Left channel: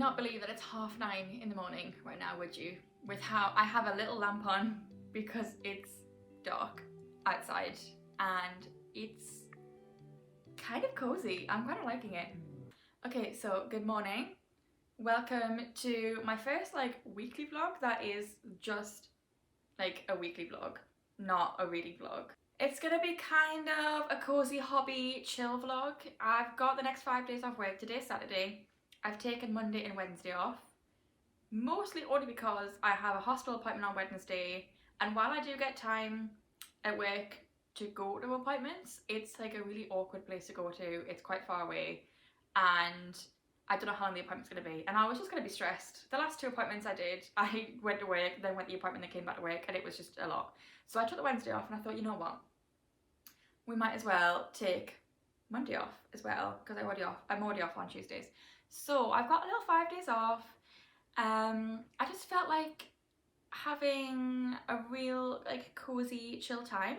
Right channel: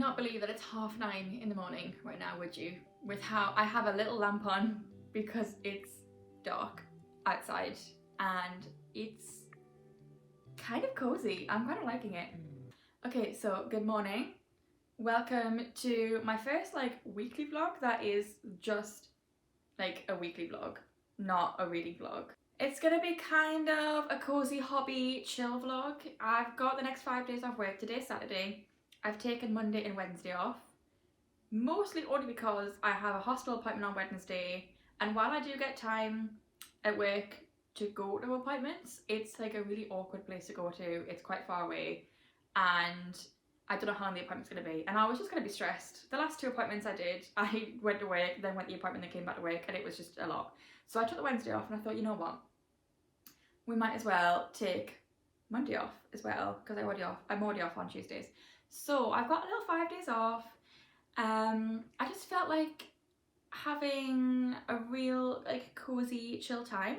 not believe that it's 9:30 in the morning right now, would you? With how I have a little lamp on because it's dark outside and it's kind of cozy. I'm kind of liking it. Okay, so good morning. Welcome to my first weekly vlog that is just like a weekly vlog, not a reading vlog. It's gonna be kind of a cozy hobby chill vlog. I've got the next 5 days off work. Today's Saturday. I've taken Monday and Wednesday off, mostly only because I have a hospital appointment on Wednesday, and while I do get time at work to go to appointments, it's like a really awkward place to go to. It's quite far away and I don't know how long the appointment's going to be, and I was just going to be stressed. The last 2 appointments I did, I went to work, then went to the appointment, then came back to work, and it was just a lot. So I took the Wednesday off and I thought, you know what, we might as well take Monday off as well, because I'm already off on Tuesdays. So I've got a little 5 days off. I just felt like having a real cozy chill time.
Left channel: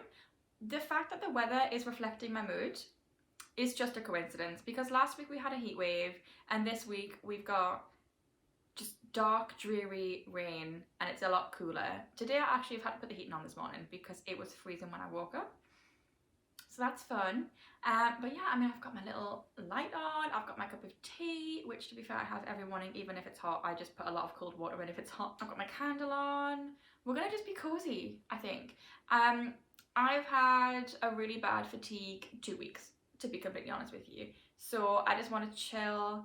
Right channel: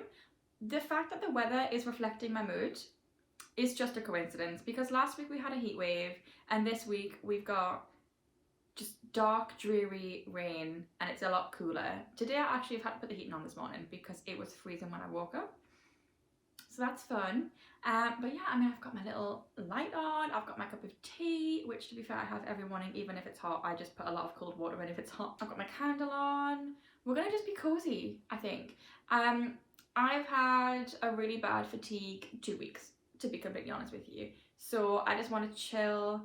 The fact that the weather is reflecting my mood is just a coincidence, because last week we had a heat wave and this week we've got just dark dreary rain and it's a lot cooler. Today I actually have had to put the heating on this morning because it was freezing when I woke up. So that's fun. But yeah, I mean, I've got my little light on, I've got my cup of tea, which to be fair I have every morning, even if it's hot. I just put a lot of cold water in if it's hot. I've got my candle on. We're gonna just be cozy, I think. I've had a really bad fatigue 2 weeks, to be completely honest with you. So I just want to chill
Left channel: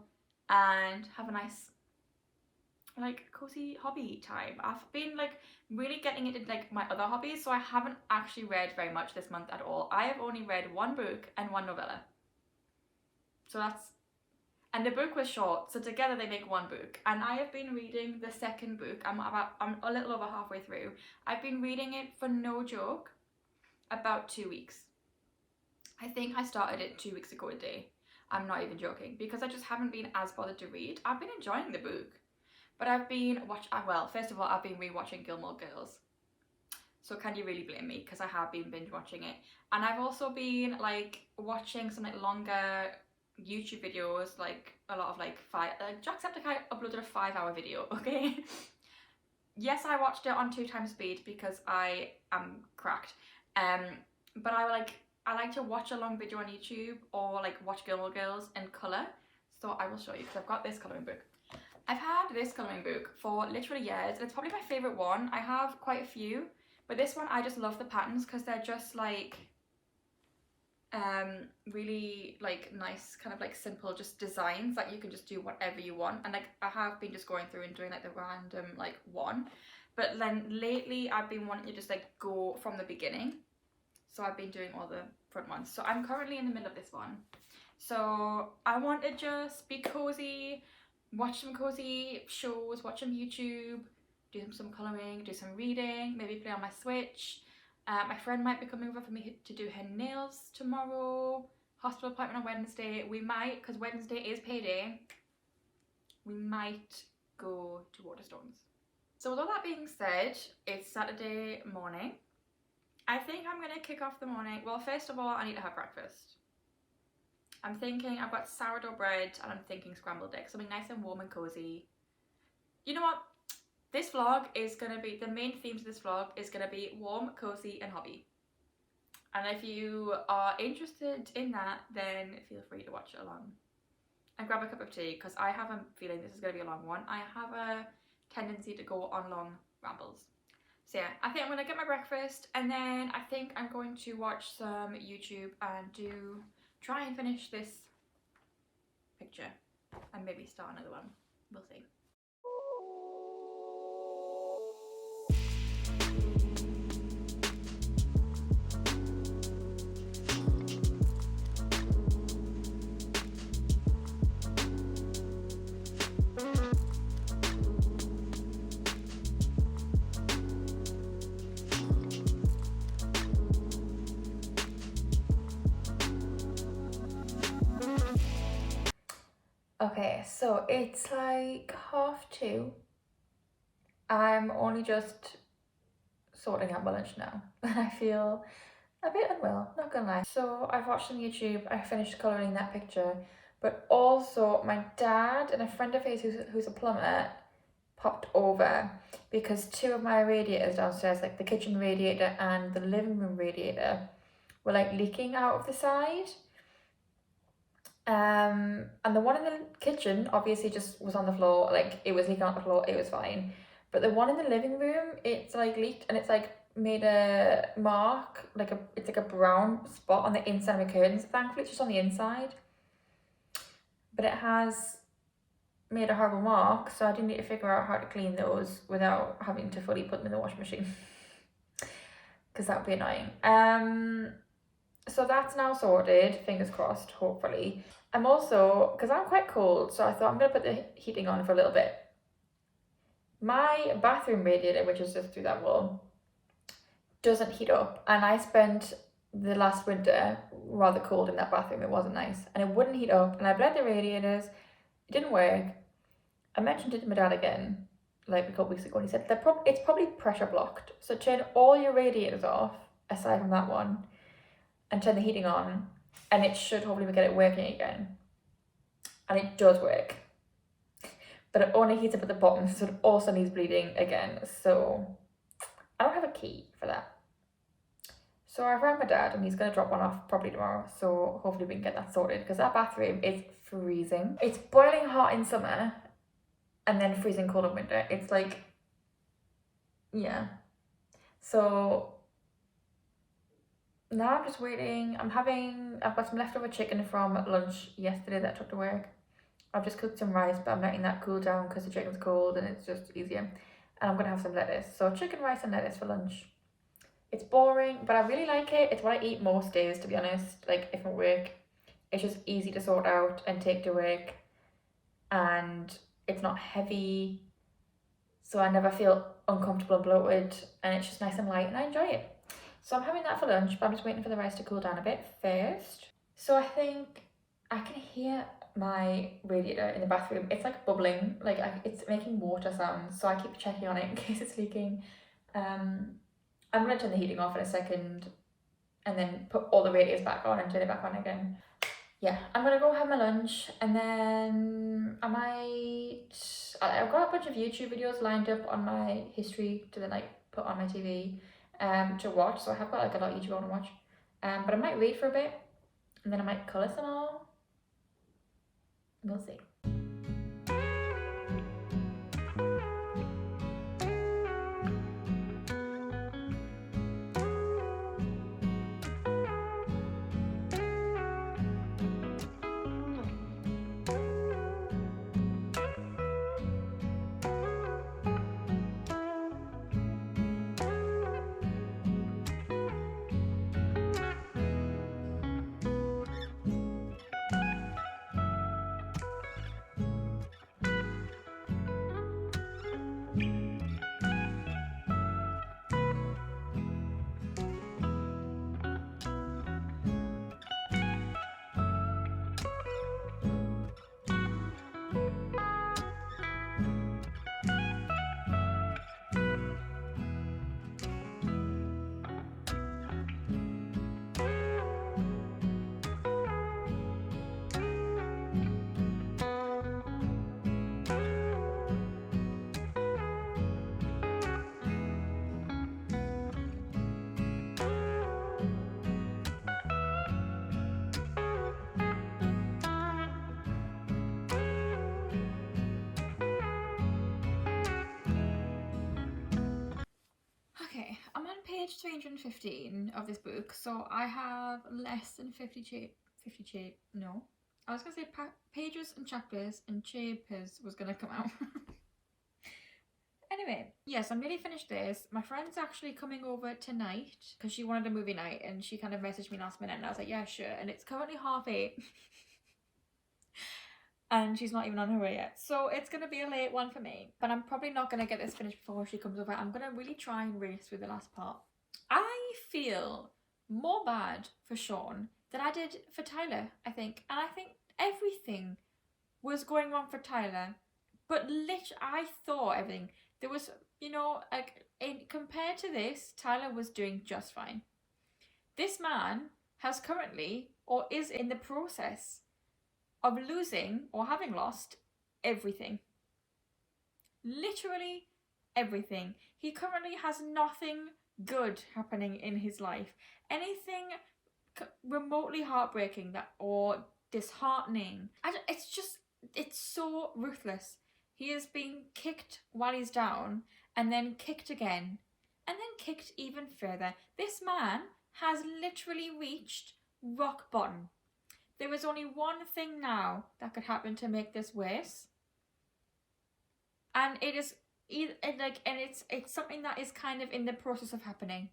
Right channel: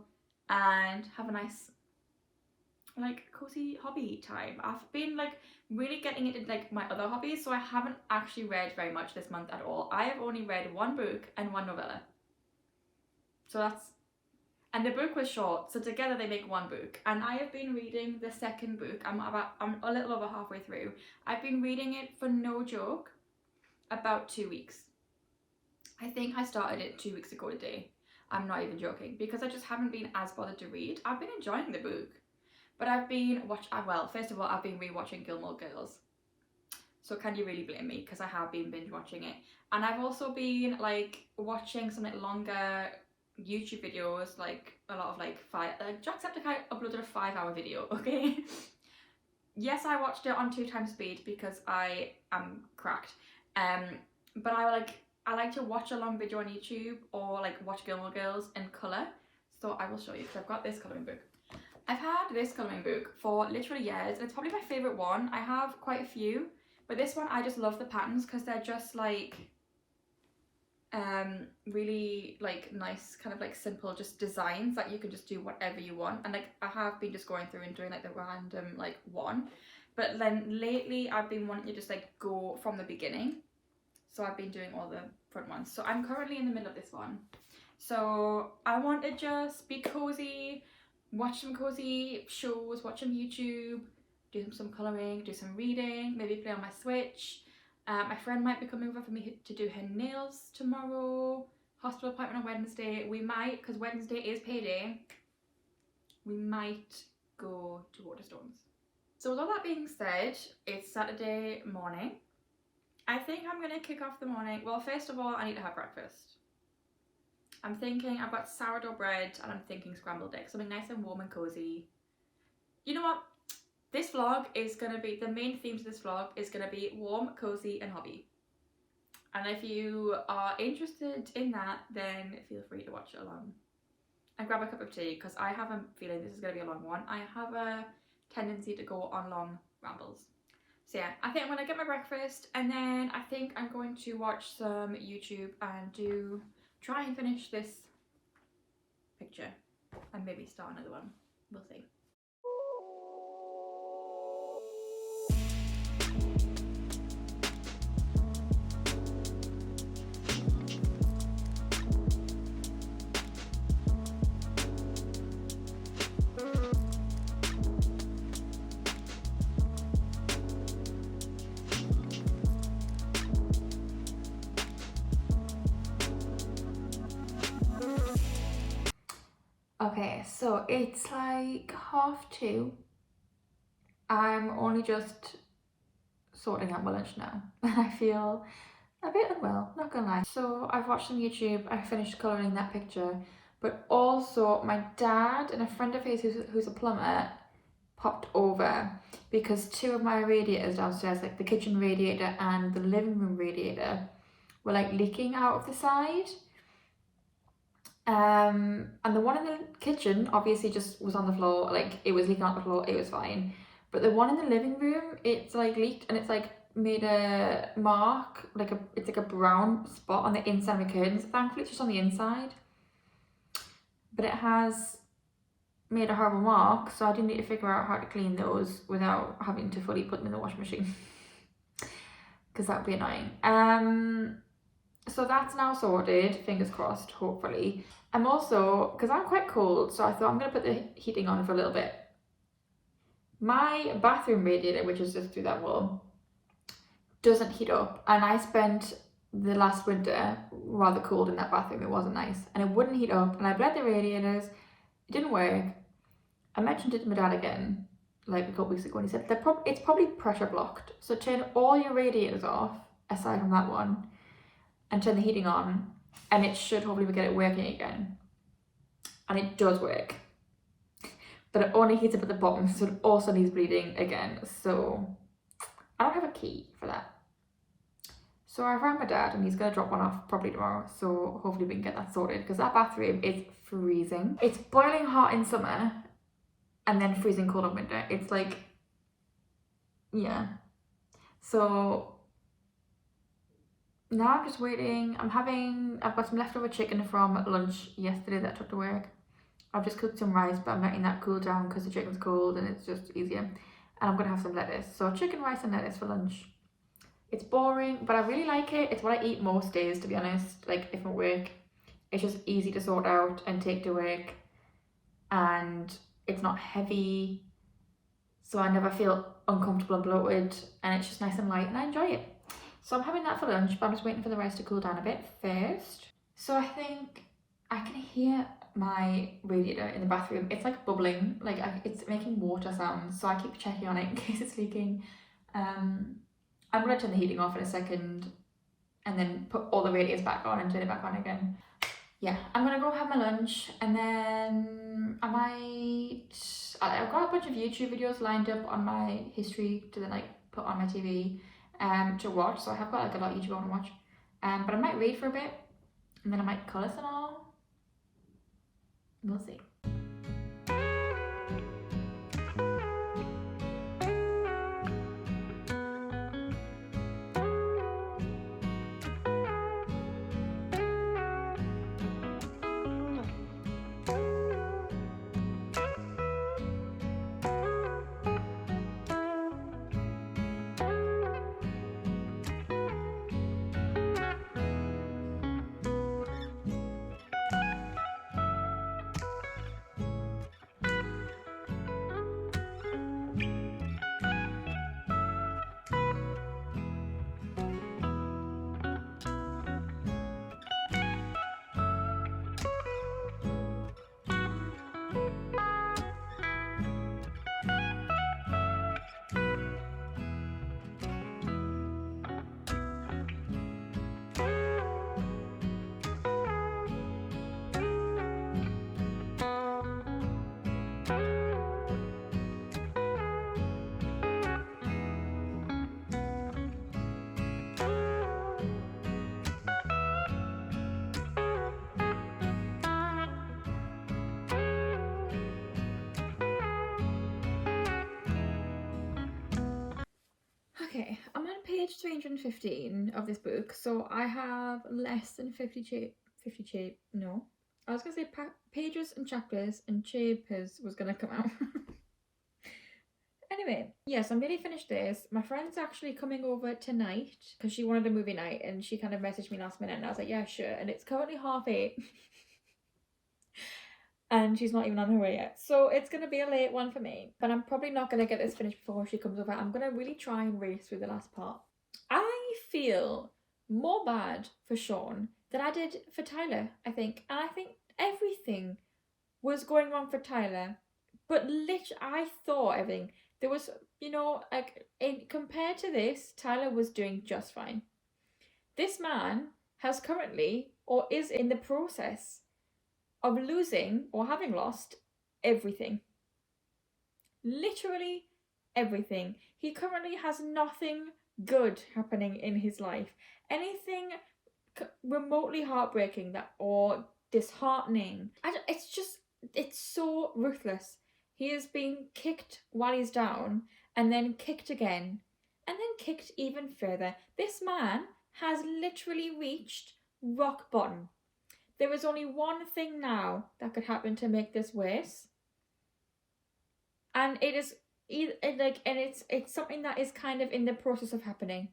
and have a nice cozy hobby time. I've been really getting into my other hobbies, so I haven't actually read very much this month at all. I have only read 1 book and 1 novella. So that's, and the book was short, so together they make 1 book. And I have been reading the second book. I'm a little over halfway through. I've been reading it, for no joke, about 2 weeks. I think I started it 2 weeks ago today. I'm not even joking, because I just haven't been as bothered to read. I've been enjoying the book. But I've been first of all, I've been rewatching Gilmore Girls. So can you really blame me? Because I have been binge watching it. And I've also been watching some longer YouTube videos, a lot of Jacksepticeye uploaded a 5-hour video, okay? Yes, I watched it on 2 times speed because I am cracked. But I like to watch a long video on YouTube, or watch Gilmore Girls in colour. So I will show you. So I've got this colouring book. I've had this colouring book for literally years, and it's probably my favourite one. I have quite a few, but this one I just love the patterns because they're just really nice, kind of simple just designs that you can just do whatever you want. And I have been just going through and doing the random one, but then lately I've been wanting to just go from the beginning. So I've been doing all the front ones. So I'm currently in the middle of this one. So I want to just be cozy, watch some cozy shows, watch some YouTube, do some colouring, do some reading, maybe play on my Switch. My friend might be coming over for me to do her nails tomorrow. Hospital appointment on Wednesday. We might, because Wednesday is payday, we might go to Waterstones. So with all that being said, it's Saturday morning. I think I'm going to kick off the morning. Well, first of all, I need to have breakfast. I'm thinking I've got sourdough bread and I'm thinking scrambled eggs, something nice and warm and cozy. You know what? This vlog is going to be, the main themes of this vlog is going to be warm, cozy and hobby. And if you are interested in that, then feel free to watch it along. And grab a cup of tea, because I have a feeling this is going to be a long one. I have a tendency to go on long rambles. So yeah, I think I'm going to get my breakfast, and then I think I'm going to watch some YouTube and try and finish this picture and maybe start another one. We'll see. Okay, so it's 2:30. I'm only just sorting out my lunch now. I feel a bit unwell, not gonna lie. So I've watched some YouTube, I finished colouring that picture, But also my dad and a friend of his who's a plumber popped over because two of my radiators downstairs, like the kitchen radiator and the living room radiator, were like leaking out of the side. And the one in the kitchen obviously just was on the floor, like it was leaking on the floor, it was fine. But the one in the living room, it's like leaked and it's like made a mark, it's like a brown spot on the inside of the curtains. Thankfully, it's just on the inside, but it has made a horrible mark, so I didn't need to figure out how to clean those without having to fully put them in the washing machine because that would be annoying. So that's now sorted, fingers crossed, hopefully. I'm also, because I'm quite cold, so I thought I'm going to put the heating on for a little bit. My bathroom radiator, which is just through that wall, doesn't heat up, and I spent the last winter rather cold in that bathroom. It wasn't nice, and it wouldn't heat up, and I bled the radiators, it didn't work. I mentioned it to my dad again, like a couple weeks ago, and he said it's probably pressure blocked, so turn all your radiators off, aside from that one, and turn the heating on, and it should hopefully get it working again. And it does work, but it only heats up at the bottom, so it also needs bleeding again. So I don't have a key for that. So I rang my dad and he's going to drop one off probably tomorrow, so hopefully we can get that sorted, because that bathroom is freezing. It's boiling hot in summer and then freezing cold in winter. It's like, yeah. So now I'm just waiting. I've got some leftover chicken from lunch yesterday that I took to work. I've just cooked some rice, but I'm letting that cool down because the chicken's cold and it's just easier. And I'm going to have some lettuce. So chicken, rice and lettuce for lunch. It's boring, but I really like it. It's what I eat most days, to be honest. Like if I'm at work, it's just easy to sort out and take to work. And it's not heavy. So I never feel uncomfortable and bloated. And it's just nice and light and I enjoy it. So I'm having that for lunch, but I'm just waiting for the rice to cool down a bit first. So I think I can hear my radiator in the bathroom. It's like bubbling, like it's making water sounds. So I keep checking on it in case it's leaking. I'm gonna turn the heating off in a second and then put all the radiators back on and turn it back on again. Yeah, I'm gonna go have my lunch and then I've got a bunch of YouTube videos lined up on my history to then like put on my TV to watch. So I have got like a lot of YouTube I want to watch. But I might read for a bit and then I might colour some more. We'll see. Okay, I'm on page 315 of this book, so I have less than 50 no. I was going to say pages and chapters, and chapters was going to come out. Anyway, yes, I'm nearly finished this. My friend's actually coming over tonight because she wanted a movie night and she kind of messaged me last minute and I was like, yeah, sure. And it's currently 8:30 and she's not even on her way yet. So it's going to be a late one for me, but I'm probably not going to get this finished before she comes over. I'm going to really try and race through the last part. I feel more bad for Sean than I did for Tyler, I think. And I think everything was going wrong for Tyler. But I thought everything. There was, compared to this, Tyler was doing just fine. This man has currently, or is in the process of losing or having lost everything. Literally everything. He currently has nothing good happening in his life. Anything remotely heartbreaking that or disheartening. It's so ruthless. He is being kicked while he's down, and then kicked again, and then kicked even further. This man has literally reached rock bottom. There is only one thing now that could happen to make this worse, and it's something that is kind of in the process of happening.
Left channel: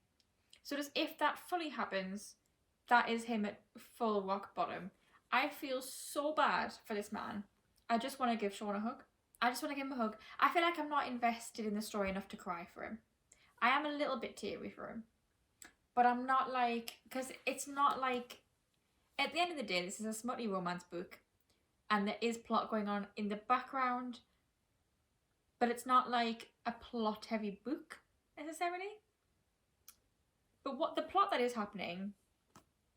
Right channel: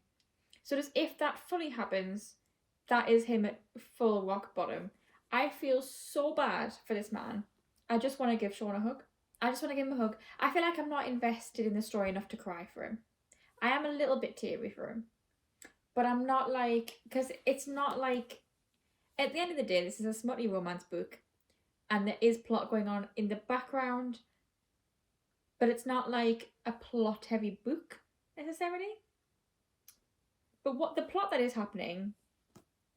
So just if that fully happens, that is him at full rock bottom. I feel so bad for this man. I just want to give Sean a hug. I just want to give him a hug. I feel like I'm not invested in the story enough to cry for him. I am a little bit teary for him, but I'm not like, because it's not like, at the end of the day, this is a smutty romance book, and there is plot going on in the background, but it's not like a plot heavy book necessarily. But what the plot that is happening,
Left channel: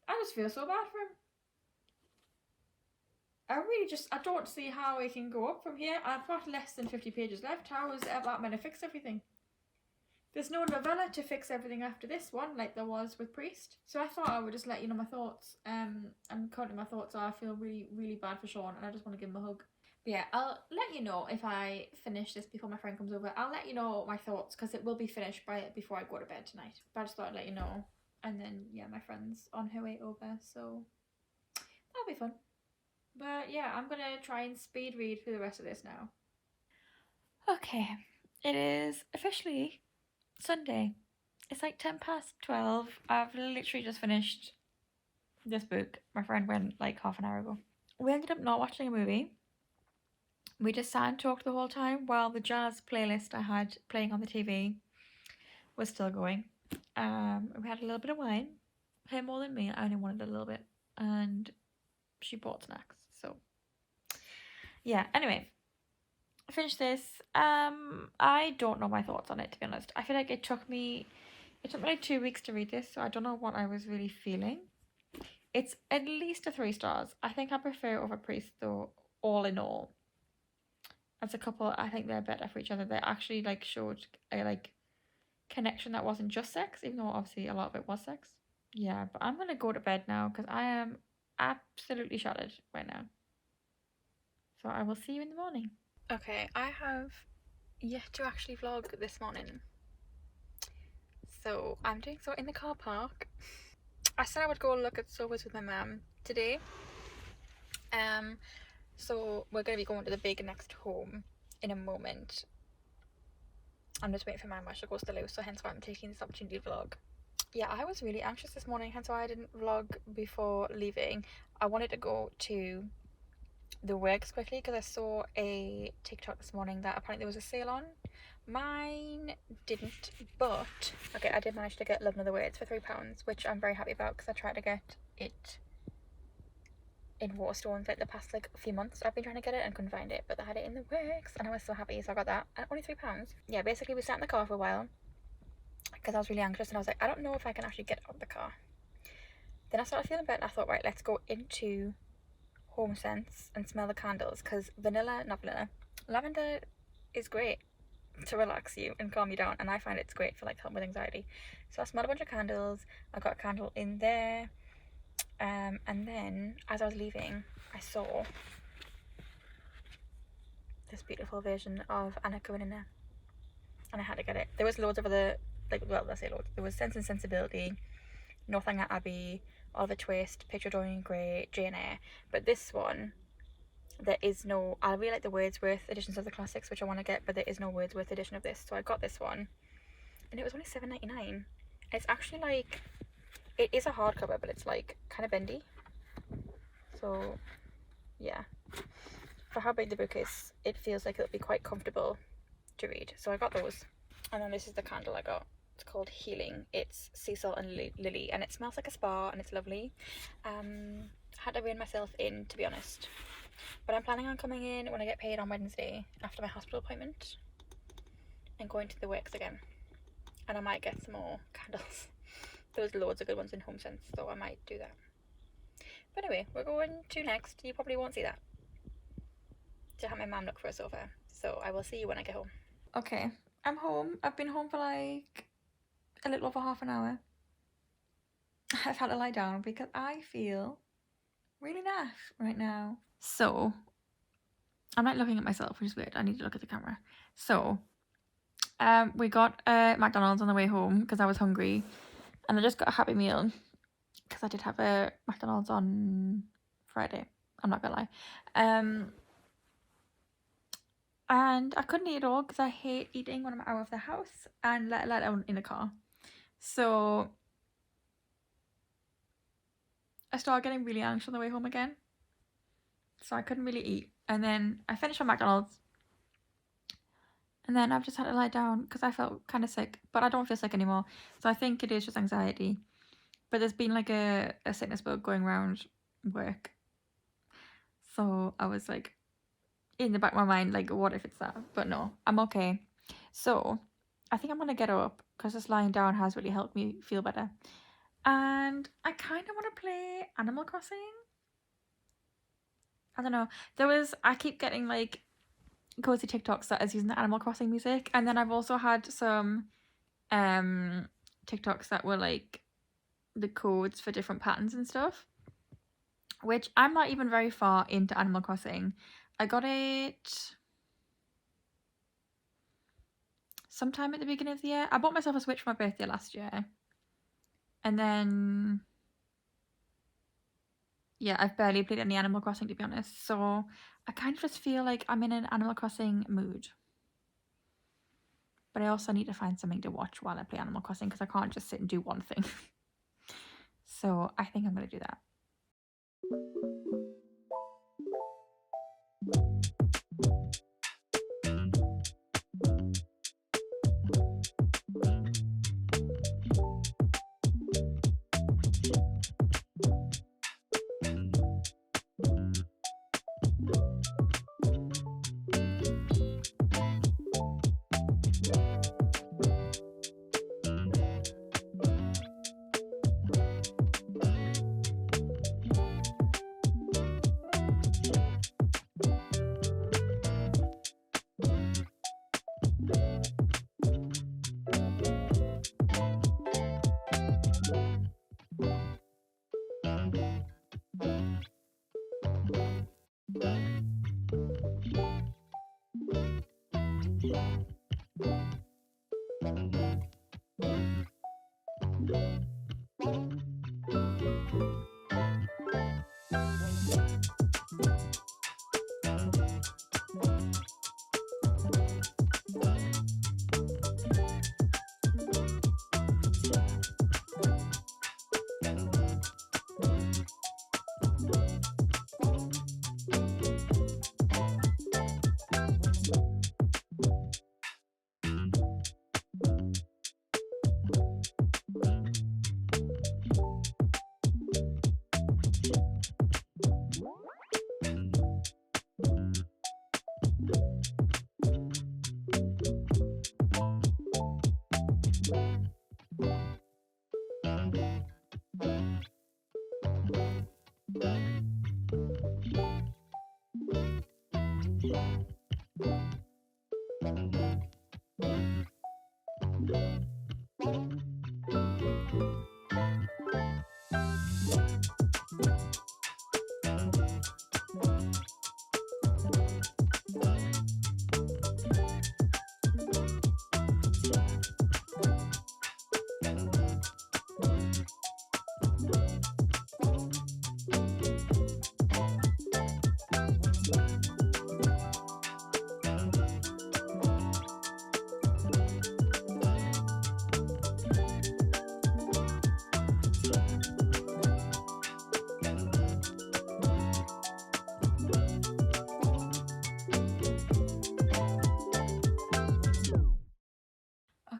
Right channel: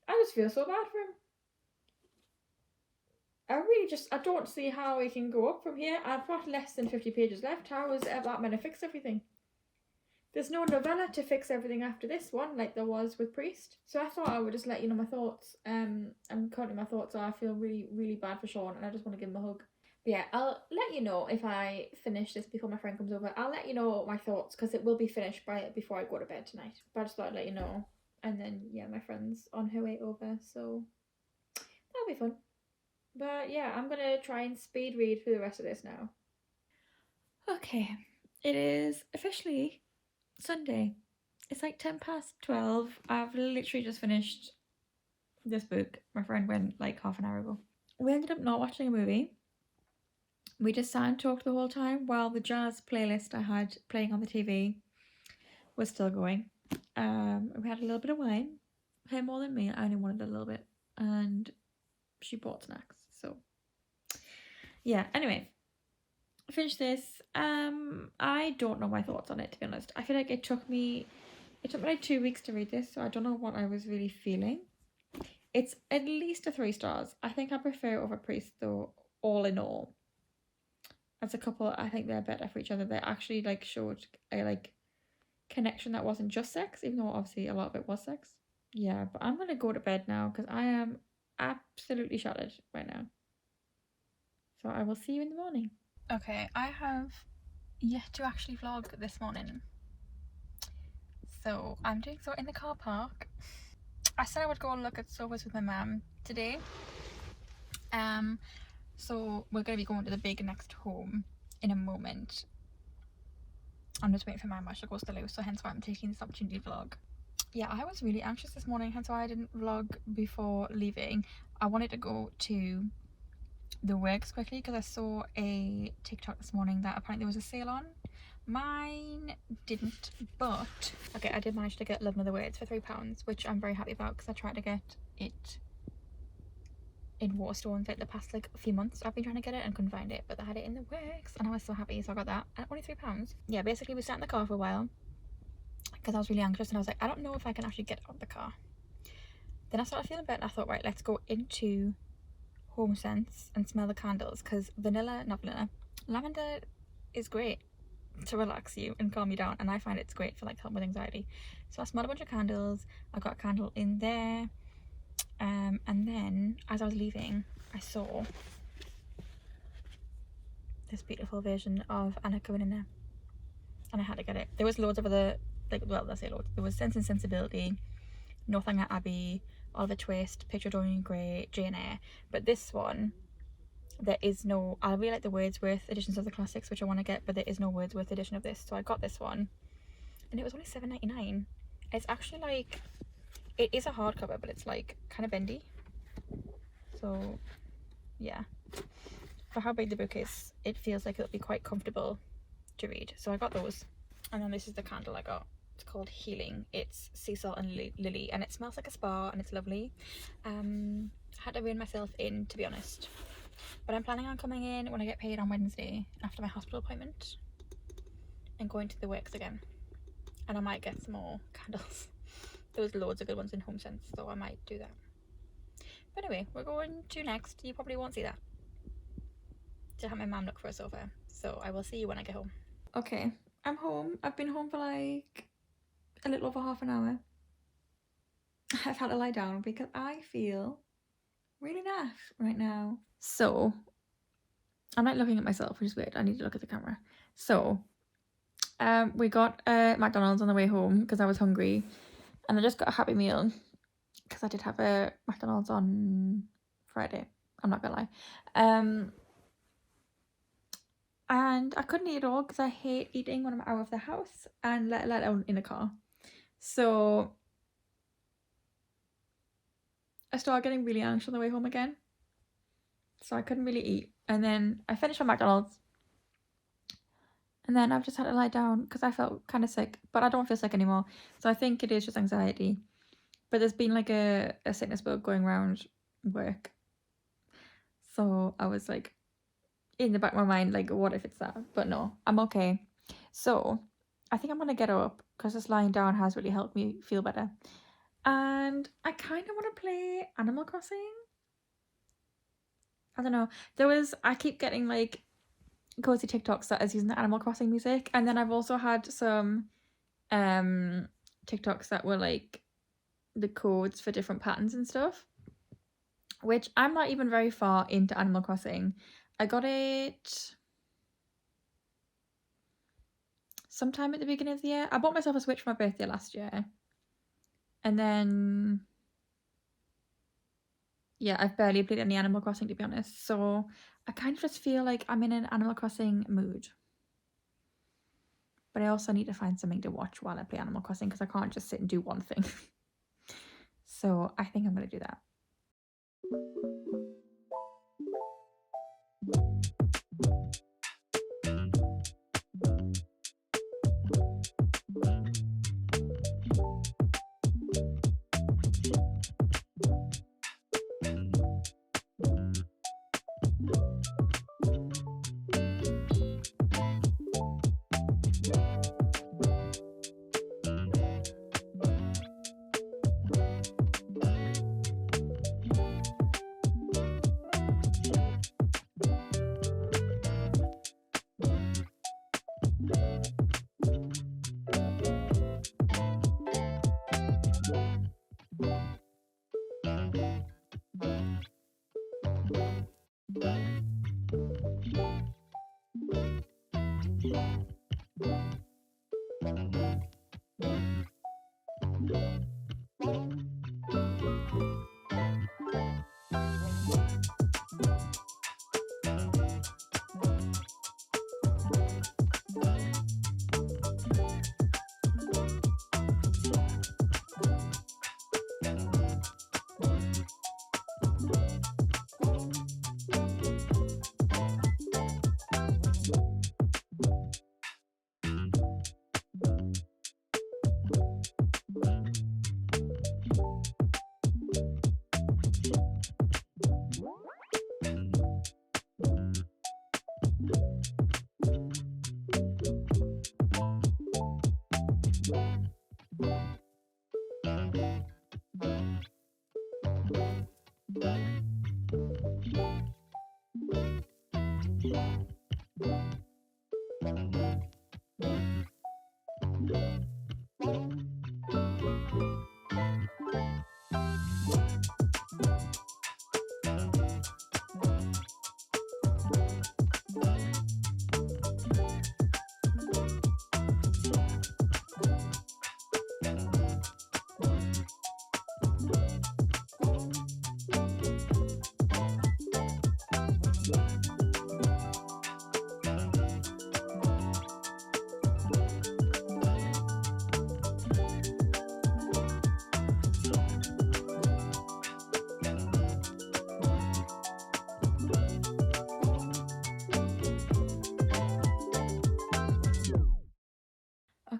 I just feel so bad for him. I don't see how I can go up from here. I've got less than 50 pages left. How is that going to fix everything? There's no novella to fix everything after this one, like there was with Priest. So I thought I would just let you know my thoughts. And currently my thoughts are I feel really, really bad for Sean, and I just want to give him a hug. But yeah, I'll let you know if I finish this before my friend comes over. I'll let you know my thoughts, because it will be finished before I go to bed tonight. But I just thought I'd let you know. And then, yeah, my friend's on her way over, so that'll be fun. But yeah, I'm going to try and speed read through the rest of this now. Okay, it is officially Sunday. It's like 12:10. I've literally just finished this book. My friend went like half an hour ago. We ended up not watching a movie. We just sat and talked the whole time while the jazz playlist I had playing on the TV was still going. We had a little bit of wine. Her more than me. I only wanted a little bit, and she bought snacks. So yeah. Anyway, finished this. I don't know my thoughts on it, to be honest. I feel like it took me like 2 weeks to read this, so I don't know what I was really feeling. It's at least a 3 stars. I think I prefer Over Priest though, all in all. As a couple, I think they're better for each other. They actually like showed a like connection that wasn't just sex, even though obviously a lot of it was sex. Yeah, but I'm gonna go to bed now because I am absolutely shattered right now. So I will see you in the morning. Okay, I have yet to actually vlog this morning. So I'm doing so in the car park. I said I would go look at sofas with my mum today. So we're going to be going to the big next home in a moment. I'm just waiting for my mum to go to the loo, so hence why I'm taking this opportunity to vlog. Yeah, I was really anxious this morning, hence why I didn't vlog before leaving. I wanted to go to the works quickly because I saw a TikTok this morning that apparently there was a sale on. Mine didn't, but okay, I did manage to get Love Another Words for £3, which I'm very happy about because I tried to get it in Waterstones like the past like few months. I've been trying to get it and couldn't find it, but they had it in the works and I was so happy, so I got that at only £3. Yeah, basically we sat in the car for a while because I was really anxious and I was like, I don't know if I can actually get out of the car. Then I started feeling better and I thought, right, let's go into Home Sense and smell the candles, because lavender is great to relax you and calm you down, and I find it's great for like help with anxiety. So I smelled a bunch of candles. I got a candle in there, and then as I was leaving I saw this beautiful version of Anna Karenina and I had to get it. There was loads of other, like, well, let's say loads. There was Sense and Sensibility, Northanger Abbey, Oliver Twist, Picture Dorian Gray, Jane Eyre, but this one there is no, I really like the Wordsworth editions of the classics, which I want to get, but there is no Wordsworth edition of this, so I got this one and it was only £7.99. It's actually like, it is a hardcover, but it's like kind of bendy, so yeah, for how big the book is it feels like it'll be quite comfortable to read, so I got those. And then this is the candle I got. It's called Healing. It's Cecil and Lily, and it smells like a spa and it's lovely. Had to rein myself in, to be honest, but I'm planning on coming in when I get paid on Wednesday after my hospital appointment and going to the works again, and I might get some more candles. There was loads of good ones in Home Sense, so I might do that. But anyway, we're going to next. You probably won't see that. To have my mum look for a sofa. So I will see you when I get home. Okay, I'm home. I've been home for like a little over half an hour. I've had to lie down because I feel really naff right now. So I'm not looking at myself, which is weird. I need to look at the camera. So we got McDonald's on the way home because I was hungry, and I just got a Happy Meal because I did have a McDonald's on Friday. I'm not gonna lie. And I couldn't eat it all because I hate eating when I'm out of the house and let alone in a car. So I started getting really anxious on the way home again. So I couldn't really eat. And then I finished my McDonald's. And then I've just had to lie down because I felt kind of sick. But I don't feel sick anymore. So I think it is just anxiety. But there's been like a sickness bug going around work. So I was like, in the back of my mind, like, what if it's that? But no, I'm okay. So I think I'm gonna get up because just lying down has really helped me feel better. And I kind of want to play Animal Crossing. I don't know. I keep getting like Cosy TikToks that is using the Animal Crossing music, and then I've also had some TikToks that were like the codes for different patterns and stuff, which I'm not even very far into Animal Crossing. I got it sometime at the beginning of the year. I bought myself a Switch for my birthday last year. And then, yeah, I've barely played any Animal Crossing, to be honest. So I kind of just feel like I'm in an Animal Crossing mood. But I also need to find something to watch while I play Animal Crossing because I can't just sit and do one thing. So I think I'm going to do that.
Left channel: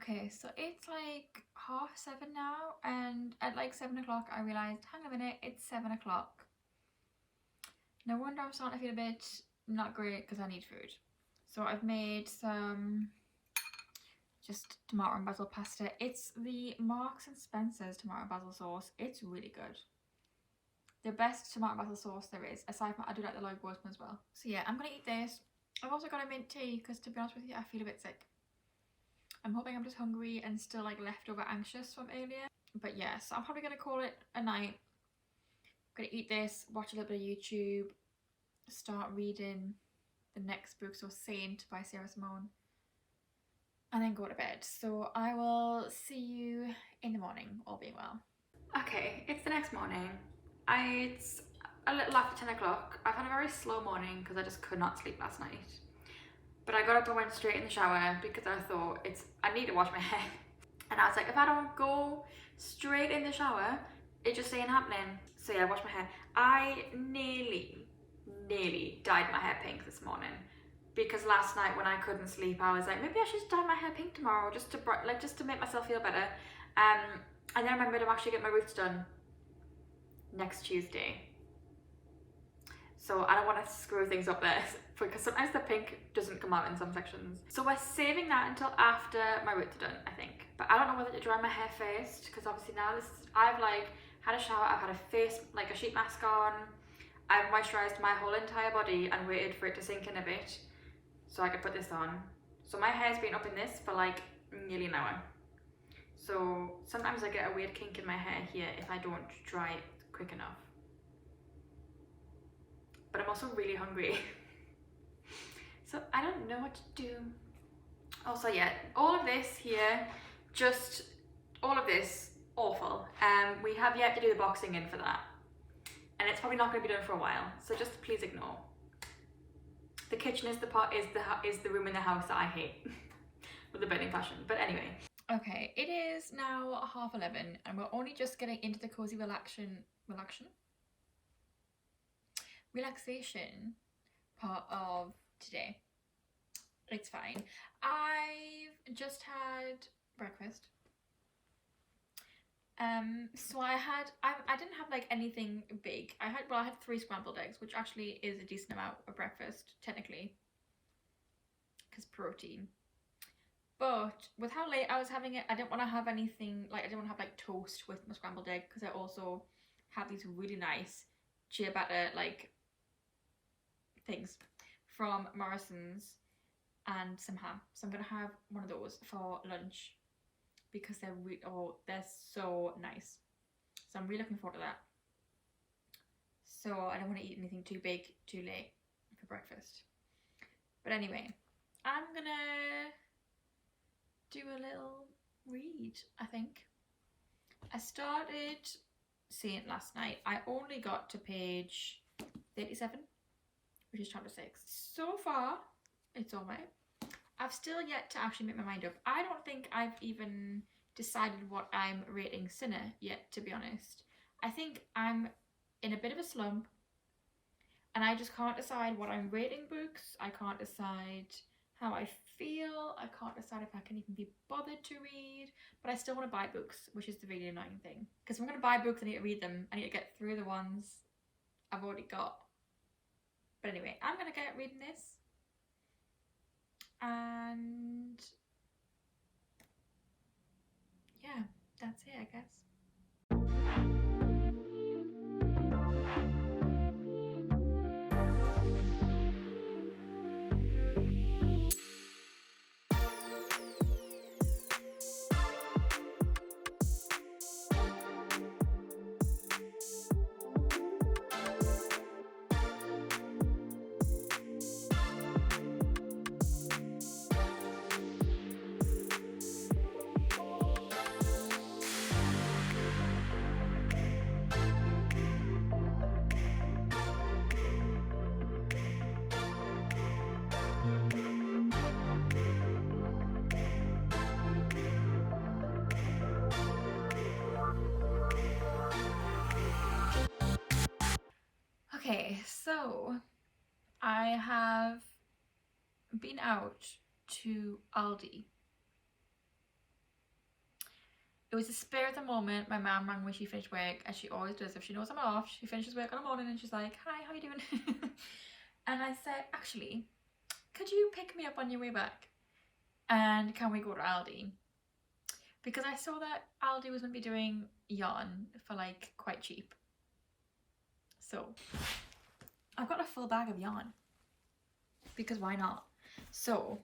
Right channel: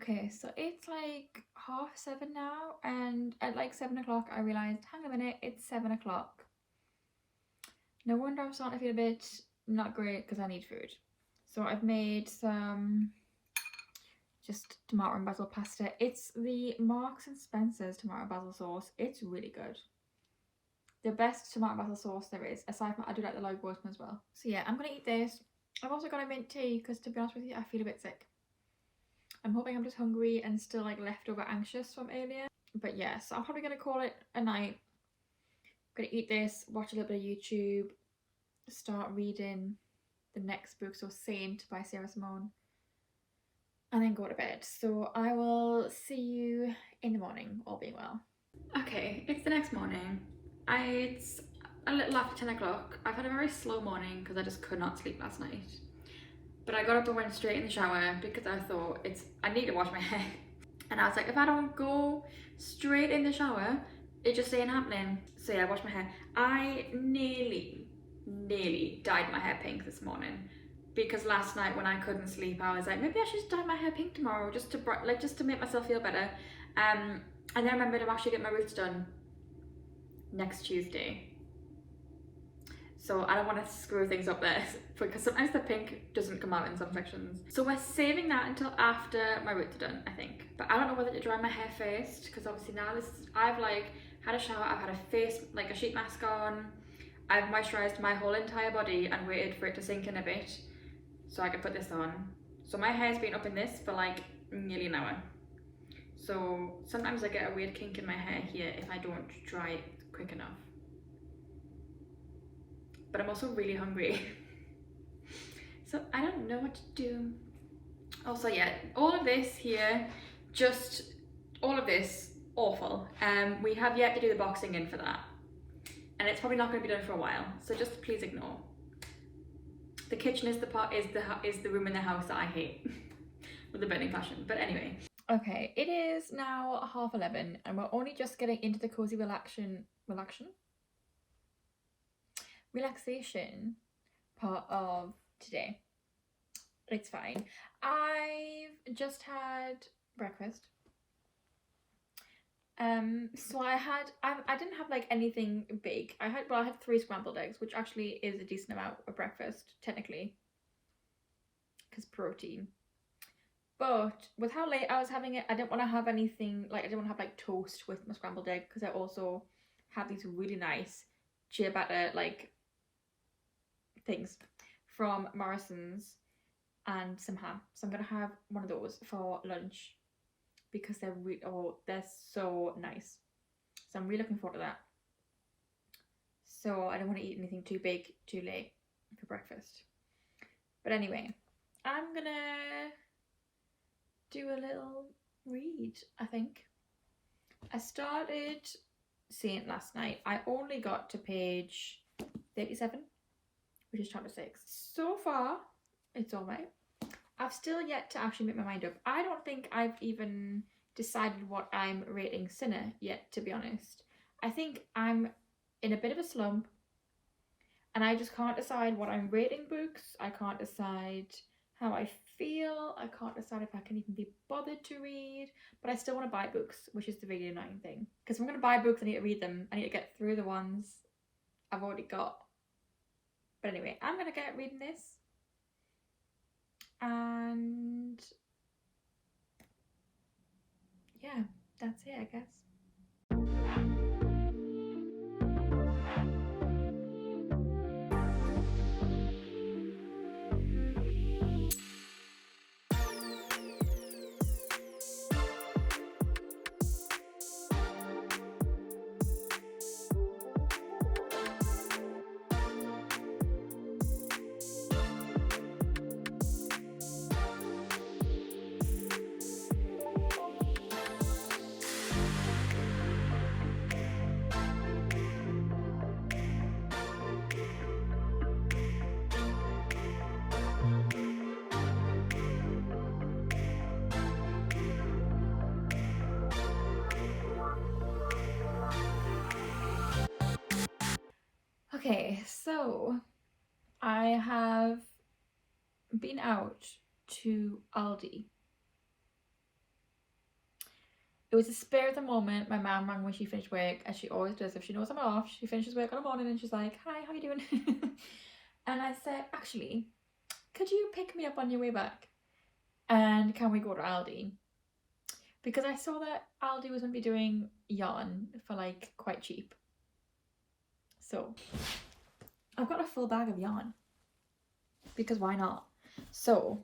Okay, so it's like 7:30 now, and at like 7 o'clock I realised, hang on a minute, it's 7 o'clock. No wonder I'm starting to feel a bit not great because I need food. So I've made some just tomato and basil pasta. It's the Marks and Spencer's tomato basil sauce. It's really good. the best tomato basil sauce there is, aside from I do like the Lloyd one as well. So yeah, I'm gonna eat this. I've also got a mint tea because, to be honest with you, I feel a bit sick. I'm hoping I'm just hungry and still like leftover anxious from earlier. But yeah, so I'm probably gonna call it a night. I'm gonna eat this, watch a little bit of YouTube, start reading the next book, so Saint by Sarah Simone, and then go to bed. So I will see you in the morning, all being well. Okay, it's the next morning. It's a little after 10 o'clock. I've had a very slow morning because I just could not sleep last night. But I got up and went straight in the shower because I thought I need to wash my hair. And I was like, if I don't go straight in the shower, it just ain't happening. So yeah, I washed my hair. I nearly dyed my hair pink this morning because last night when I couldn't sleep, I was like, maybe I should just dye my hair pink tomorrow just to make myself feel better. And then I remembered I'm actually getting my roots done next Tuesday. So I don't want to screw things up there because sometimes the pink doesn't come out in some sections. So we're saving that until after my roots are done, I think. But I don't know whether to dry my hair first because obviously now I've like had a shower, I've had a face, like a sheet mask on, I've moisturised my whole entire body and waited for it to sink in a bit so I could put this on. So my hair's been up in this for like nearly an hour. So sometimes I get a weird kink in my hair here if I don't dry it quick enough. But I'm also really hungry. So I don't know what to do. Also, yeah, all of this here, all of this, awful. We have yet to do the boxing in for that. And it's probably not going to be done for a while. So just please ignore. The kitchen is the room in the house that I hate. With a burning passion. But anyway. Okay, it is now 11:30 and we're only just getting into the cozy relaxation part of today. It's fine. I've just had breakfast. So I didn't have like anything big. I had 3 scrambled eggs, which actually is a decent amount of breakfast technically, because protein. But with how late I was having it, I didn't want to have anything like, I didn't want to have like toast with my scrambled egg because I also have these really nice ciabatta like things from Morrison's and some ham. So I'm gonna have one of those for lunch because they're so nice. So I'm really looking forward to that. So I don't want to eat anything too big too late for breakfast. But anyway, I'm gonna do a little read, I think. I started Saint last night. I only got to page 37, which is chapter 6. So far, it's alright. I've still yet to actually make my mind up. I don't think I've even decided what I'm rating Sinner yet, to be honest. I think I'm in a bit of a slump and I just can't decide what I'm rating books. I can't decide how I feel. I can't decide if I can even be bothered to read, but I still want to buy books, which is the really annoying thing. Because if I'm going to buy books, I need to read them. I need to get through the ones I've already got. But anyway, I'm going to get reading this. And yeah, that's it, I guess. Okay, so I have been out to Aldi. It was a spare of the moment. My mum rang when she finished work, as she always does. If she knows I'm off, she finishes work in the morning and she's like, hi, how you doing? And I said, actually, could you pick me up on your way back? And can we go to Aldi? Because I saw that Aldi was going to be doing yarn for like quite cheap. So I've got a full bag of yarn because why not? So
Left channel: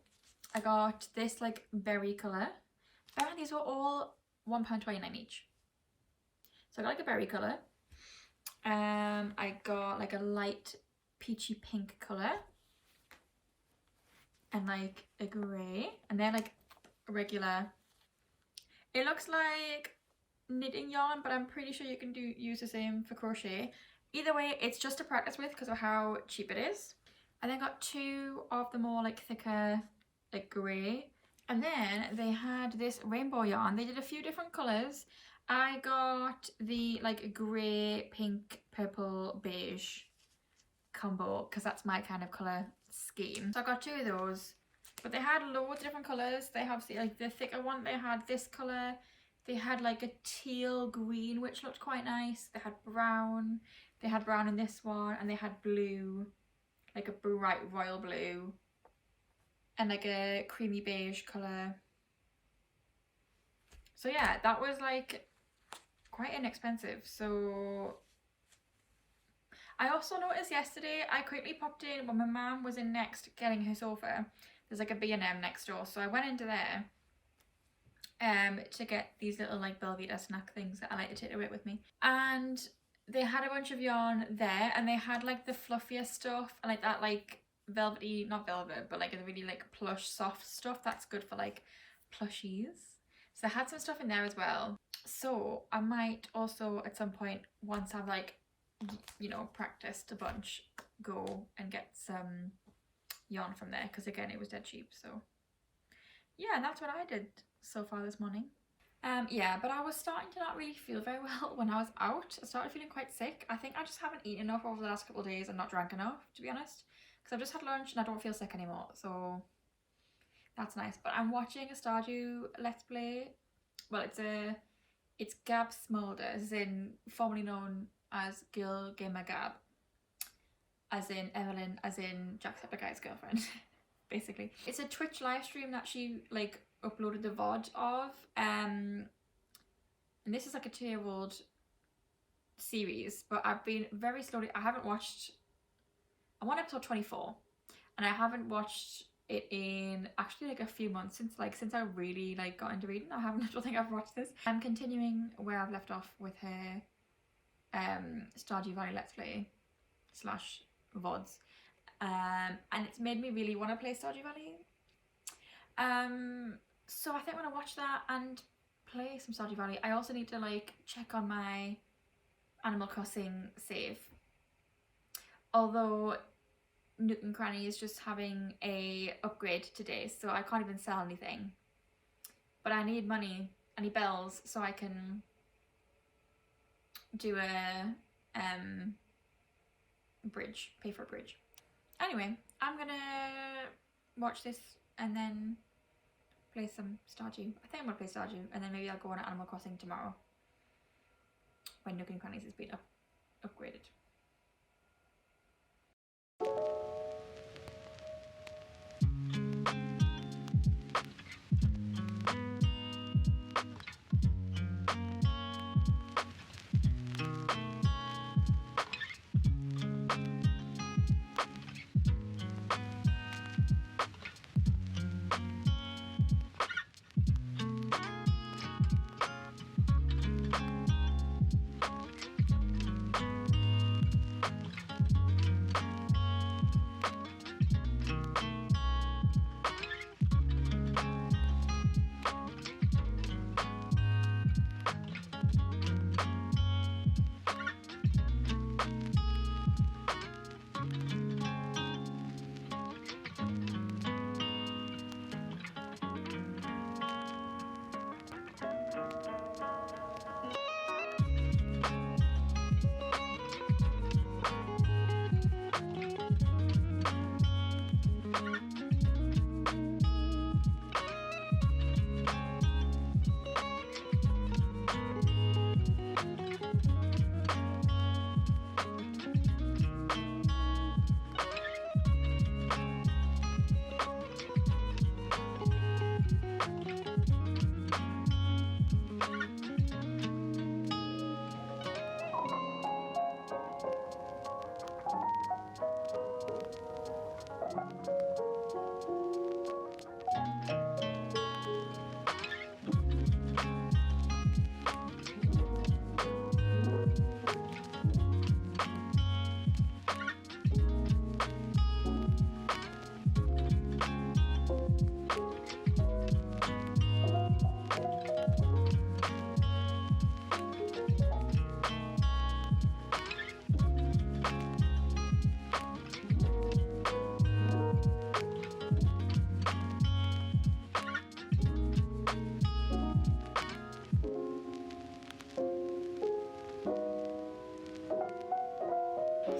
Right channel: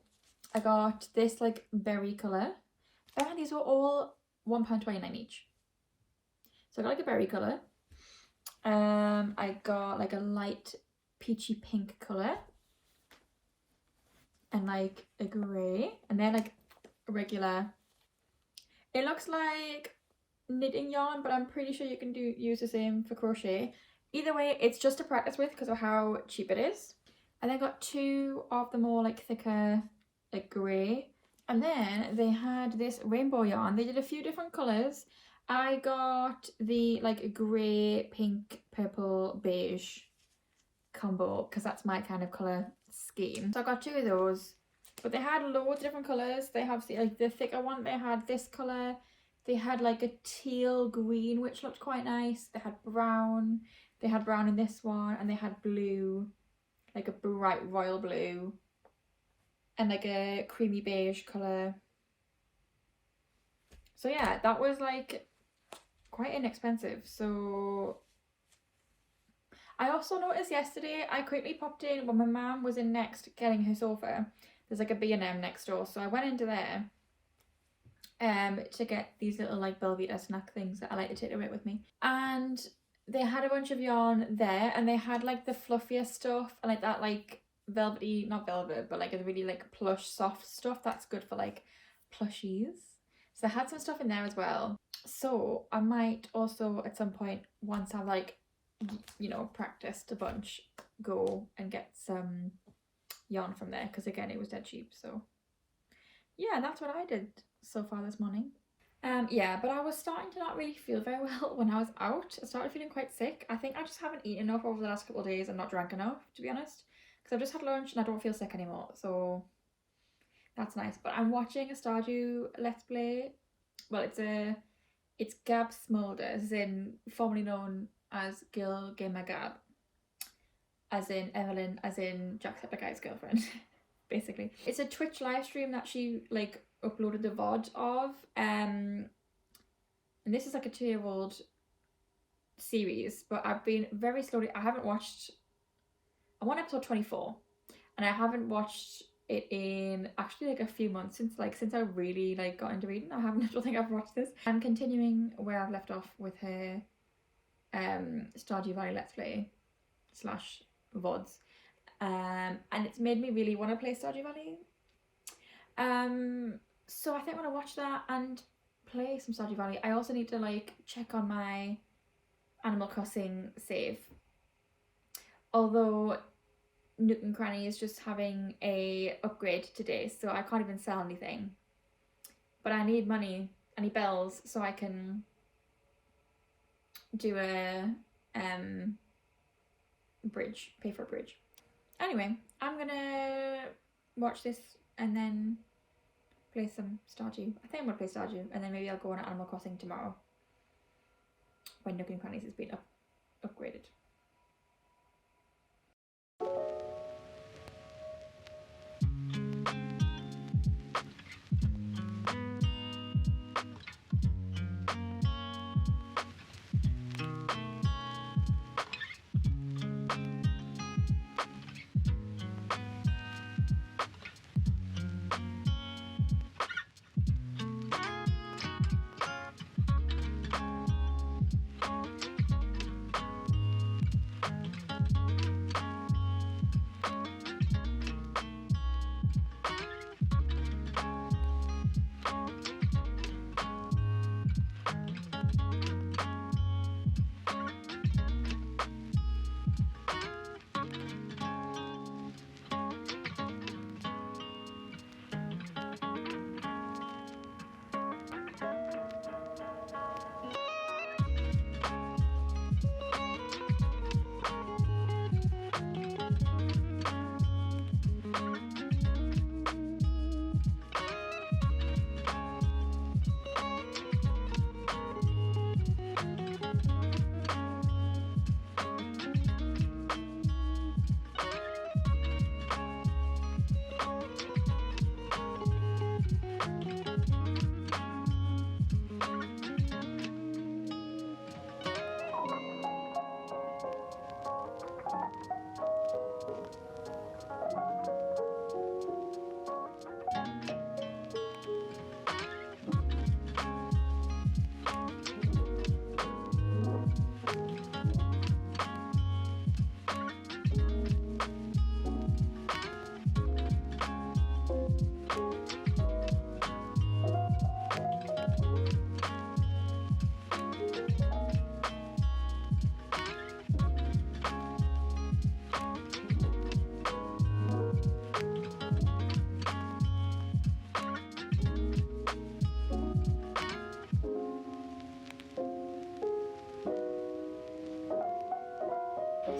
I got this like berry colour. And these were all £1.29 each. So I got like a berry colour. I got like a light peachy pink colour. And like a grey. And they're like regular. It looks like knitting yarn, but I'm pretty sure you can use the same for crochet. Either way, it's just to practice with because of how cheap it is. And then got two of the more like thicker, like grey. And then they had this rainbow yarn. They did a few different colours. I got the like grey, pink, purple, beige combo because that's my kind of colour scheme. So I got two of those. But they had loads of different colours. They have like the thicker one. They had this colour. They had like a teal green, which looked quite nice. They had brown. They had brown in this one. And they had blue, like a bright royal blue. And like a creamy beige colour. So yeah, that was like quite inexpensive. So I also noticed yesterday, I quickly popped in when my mum was in Next getting her sofa. There's like a B&M next door. So I went into there to get these little like Belvita snack things that I like to take away with me. And they had a bunch of yarn there, and they had like the fluffier stuff and like that like velvety, not velvet, but like a really like plush soft stuff that's good for like plushies. So I had some stuff in there as well. So I might also at some point, once I've like, you know, practiced a bunch, go and get some yarn from there, because again it was dead cheap. So yeah, that's what I did so far this morning. Yeah, but I was starting to not really feel very well when I was out. I started feeling quite sick. I think I just haven't eaten enough over the last couple of days and not drank enough, to be honest, because I've just had lunch and I don't feel sick anymore, so that's nice. But I'm watching a Stardew Let's Play. Well, it's Gab Smolder, as in formerly known as Girl Gamer Gab, as in Evelyn, as in Jacksepticeye's girlfriend. Basically, it's a Twitch live stream that she like uploaded the VOD of, and this is like a 2-year-old series, but I've been very slowly. I haven't watched. I'm on episode 24, and I haven't watched it in actually like a few months since I really like got into reading. I don't think I've watched this. I'm continuing where I've left off with her Stardew Valley Let's Play / VODs. And it's made me really want to play Stardew Valley. So I think I'm gonna watch that and play some Stardew Valley. I also need to like check on my Animal Crossing save. Although Nook and Cranny is just having a upgrade today, so I can't even sell anything. But I need money, I need bells, so I can do a bridge, pay for a bridge. Anyway, I'm gonna watch this and then play some Stardew. I think I'm gonna play Stardew, and then maybe I'll go on Animal Crossing tomorrow when Nook and Crannies has been upgraded.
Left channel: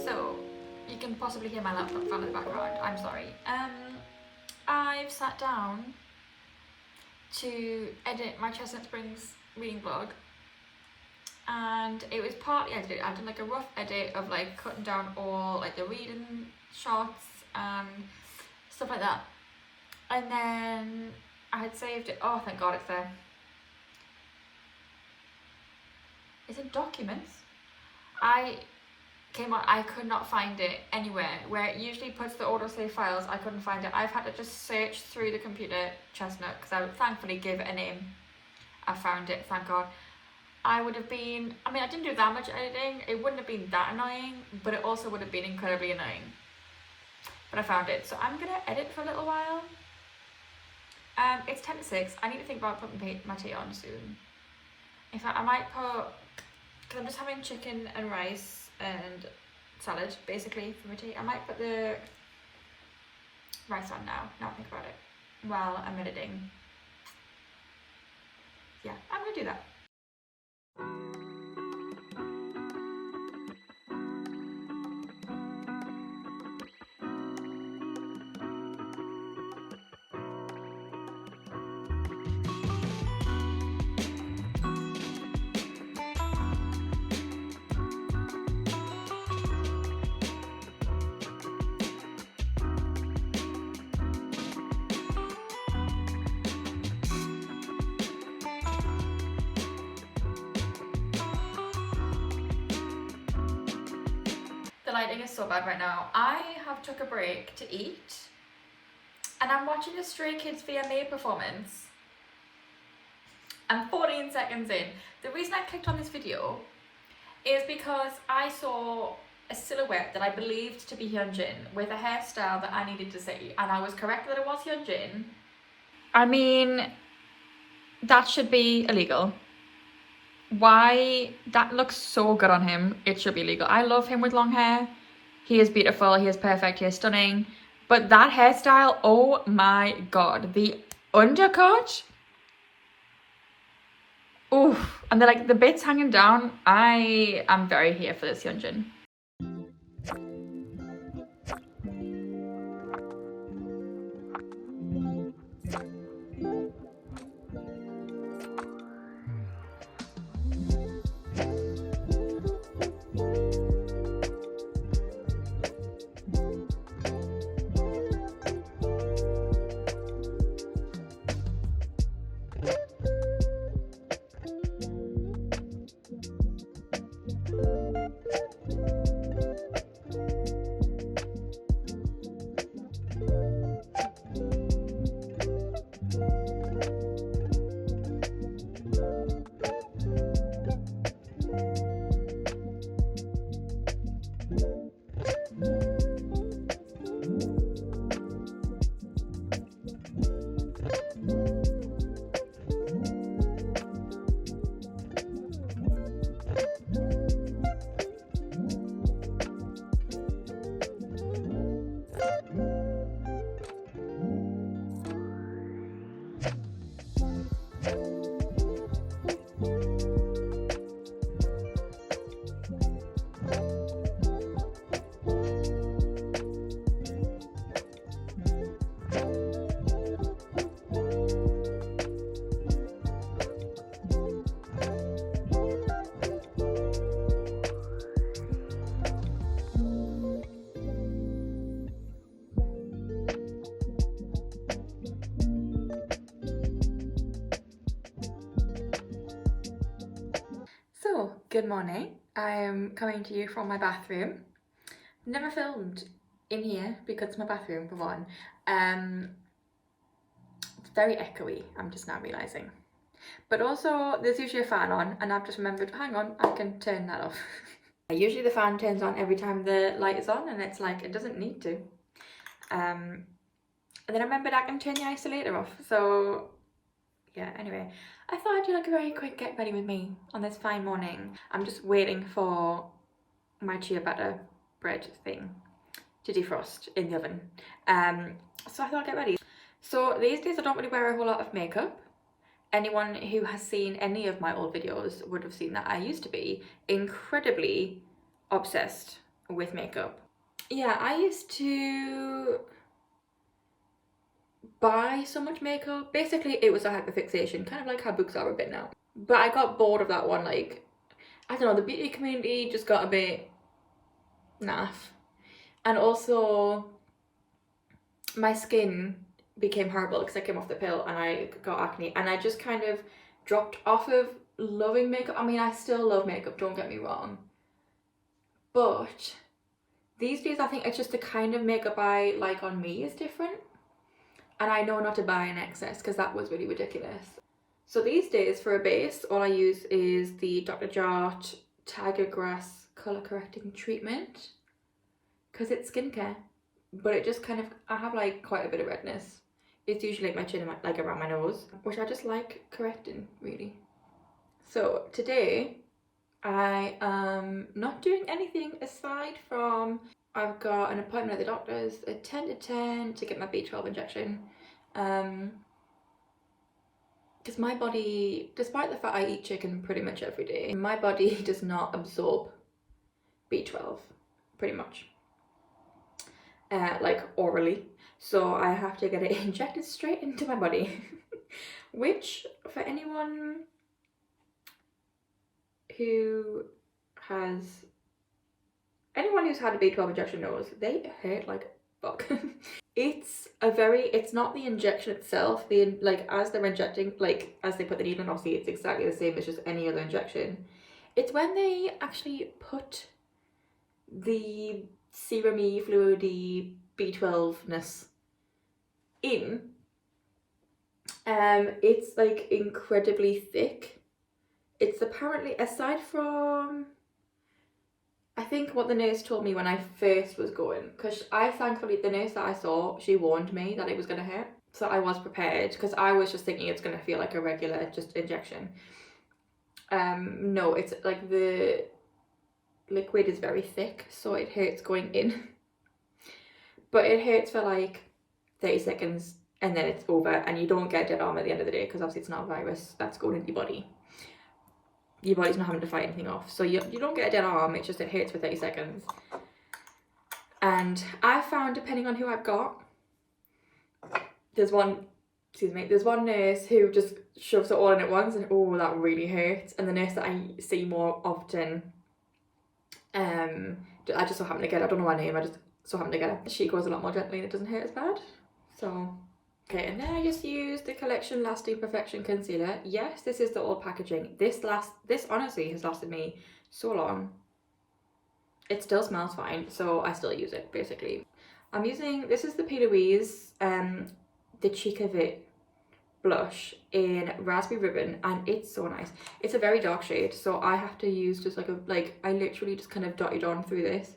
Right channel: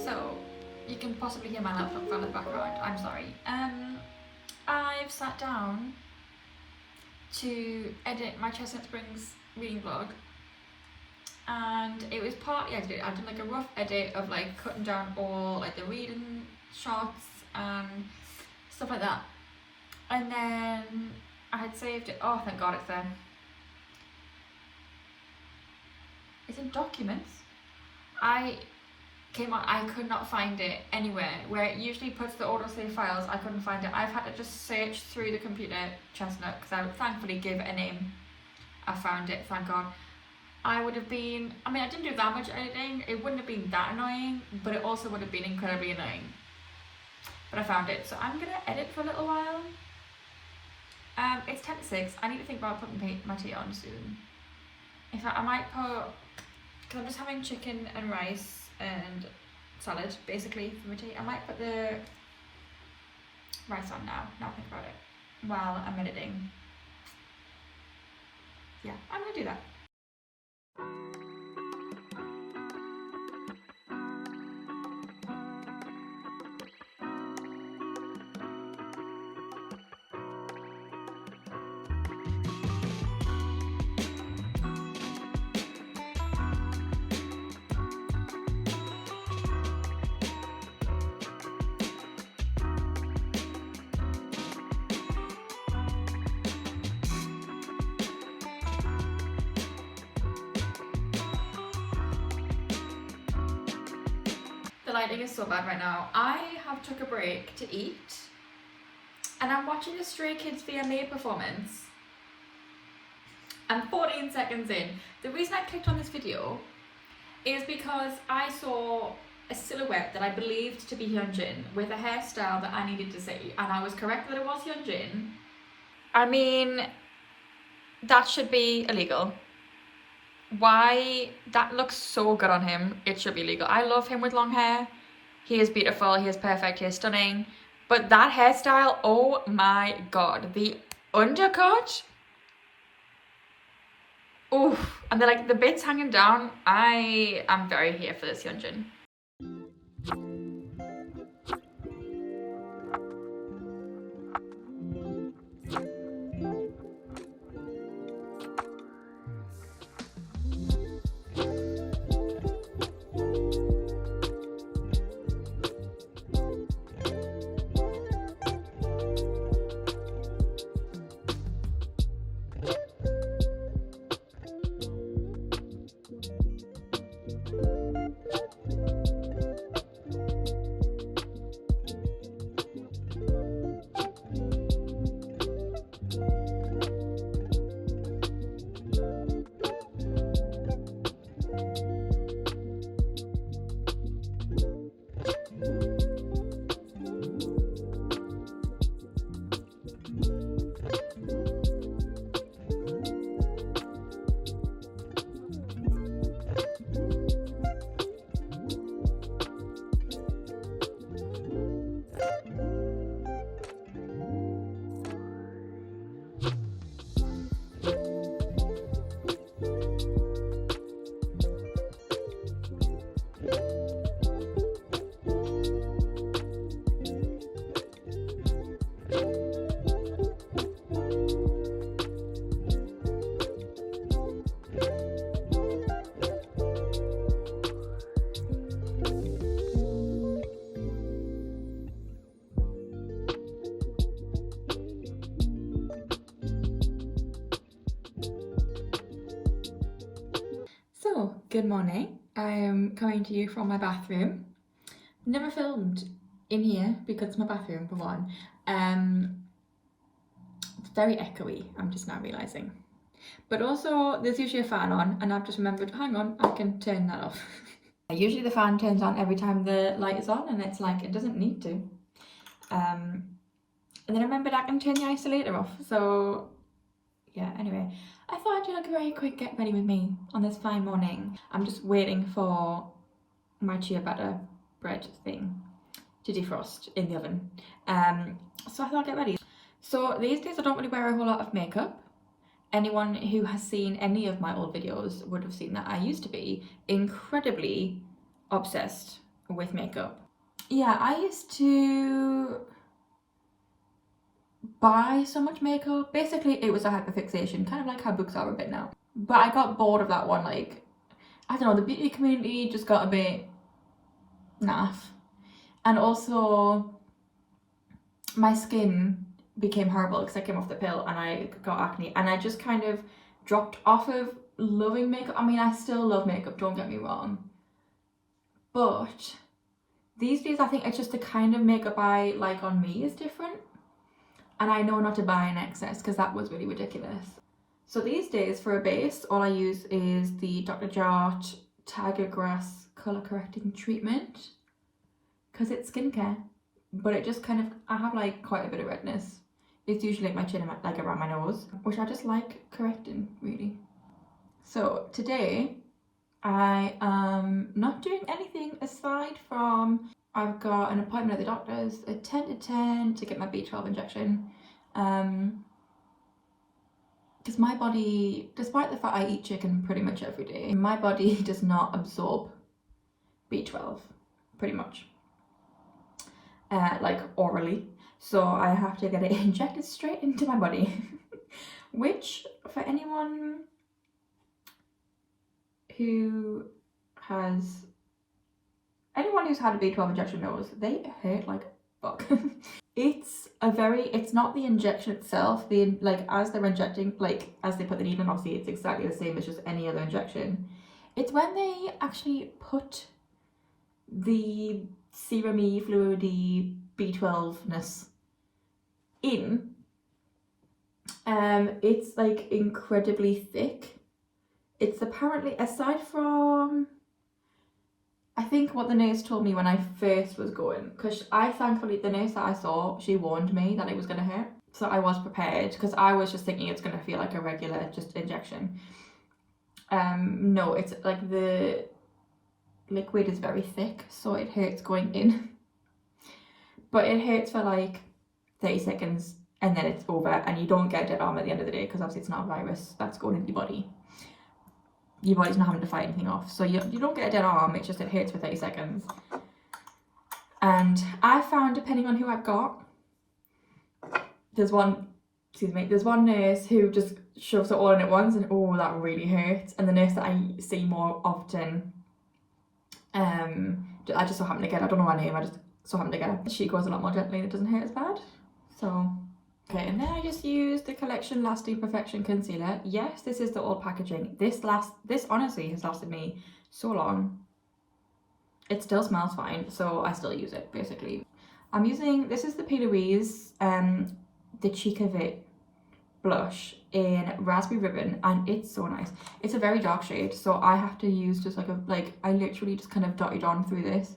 So, you can possibly hear my laptop from the background, I'm sorry. I've sat down to edit my Chestnut Springs reading vlog, and it was partly edited. I've done like a rough edit of like cutting down all like the reading shots and stuff like that, and then I had saved it. Oh, thank God it's there. It's in documents. I could not find it anywhere where it usually puts the autosave files. I couldn't find it. I've had to just search through the computer, Chestnut, because I thankfully gave it a name. I found it, thank God. I would have been, I mean, I didn't do that much editing. It wouldn't have been that annoying, but it also would have been incredibly annoying. But I found it, so I'm gonna edit for a little while. It's 10 to 6. I need to think about putting my tea on soon. In fact, I might put, because I'm just having chicken and rice and salad basically for my tea. I might put the rice on now I think about it, while I'm editing. Yeah, I'm gonna do that. The lighting is so bad right now. I have took a break to eat, and I'm watching a Stray Kids VMA performance. I'm 14 seconds in. The reason I clicked on this video is because I saw a silhouette that I believed to be Hyunjin with a hairstyle that I needed to see, and I was correct that it was Hyunjin. I mean, that should be illegal. Why? That looks so good on him. It should be legal. I love him with long hair. He is beautiful, he is perfect, he is stunning. But that hairstyle, oh my God. The undercut. Oof. And they're like the bits hanging down. I am very here for this Hyunjin. So, good morning. I am coming to you from my bathroom. Never filmed in here because it's my bathroom for one. It's very echoey, I'm just now realising. But also there's usually a fan on, and I've just remembered, hang on, I can turn that off. Usually the fan turns on every time the light is on, and it's like, it doesn't need to. And then I remembered I can turn the isolator off. So yeah, anyway, I thought I'd do like a very quick get ready with me on this fine morning. I'm just waiting for my ciabatta bread thing to defrost in the oven. So I thought I'd get ready. So these days I don't really wear a whole lot of makeup. Anyone who has seen any of my old videos would have seen that I used to be incredibly obsessed with makeup. Yeah, I used to buy so much makeup. Basically, it was a hyperfixation, kind of like how books are a bit now. But I got bored of that one. Like, I don't know, the beauty community just got a bit naff. And also, my skin became horrible because I came off the pill and I got acne. And I just kind of dropped off of loving makeup. I mean, I still love makeup, don't get me wrong. But these days, I think it's just the kind of makeup I like on me is different. And I know not to buy in excess because that was really ridiculous. So these days, for a base, all I use is the Dr. Jart Tiger Grass Colour Correcting Treatment because it's skincare. But it just kind of, I have like quite a bit of redness. It's usually like my chin and like around my nose, which I just like correcting, really. So today, I am not doing anything aside from I've got an appointment at the doctor's at 10 to 10 to get my B12 injection. Because my body, despite the fact I eat chicken pretty much every day, my body does not absorb B12 pretty much, like orally. So I have to get it injected straight into my body, which for anyone who's had a B12 injection knows they hurt like fuck. It's not the injection itself, as they're injecting, like as they put the needle in, obviously it's exactly the same as just any other injection. It's when they actually put the serum-y, fluidy B12-ness in, it's like incredibly thick. It's apparently, aside from, I think what the nurse told me when I first was going, because thankfully the nurse that I saw, she warned me that it was going to hurt, so I was prepared, because I was just thinking it's going to feel like a regular just injection. No, it's like the liquid is very thick, so it hurts going in, but it hurts for like 30 seconds and then it's over, and you don't get a dead arm at the end of the day because obviously it's not a virus that's going into your body. Your body's not having to fight anything off, so you don't get a dead arm, it's just it hurts for 30 seconds. And I found, depending on who I've got, there's one nurse who just shoves it all in at once, and oh, that really hurts. And the nurse that I see more often, I just so happen to get, I don't know her name, I just so happen to get her. She goes a lot more gently and it doesn't hurt as bad. So okay, and then I just used the Collection Lasting Perfection Concealer. Yes, this is the old packaging. This honestly has lasted me so long. It still smells fine, so I still use it, basically. I'm using, this is the P. Louise, the Cheek of It blush in Raspberry Ribbon, and it's so nice. It's a very dark shade, so I have to use just I literally just kind of dotted on through this.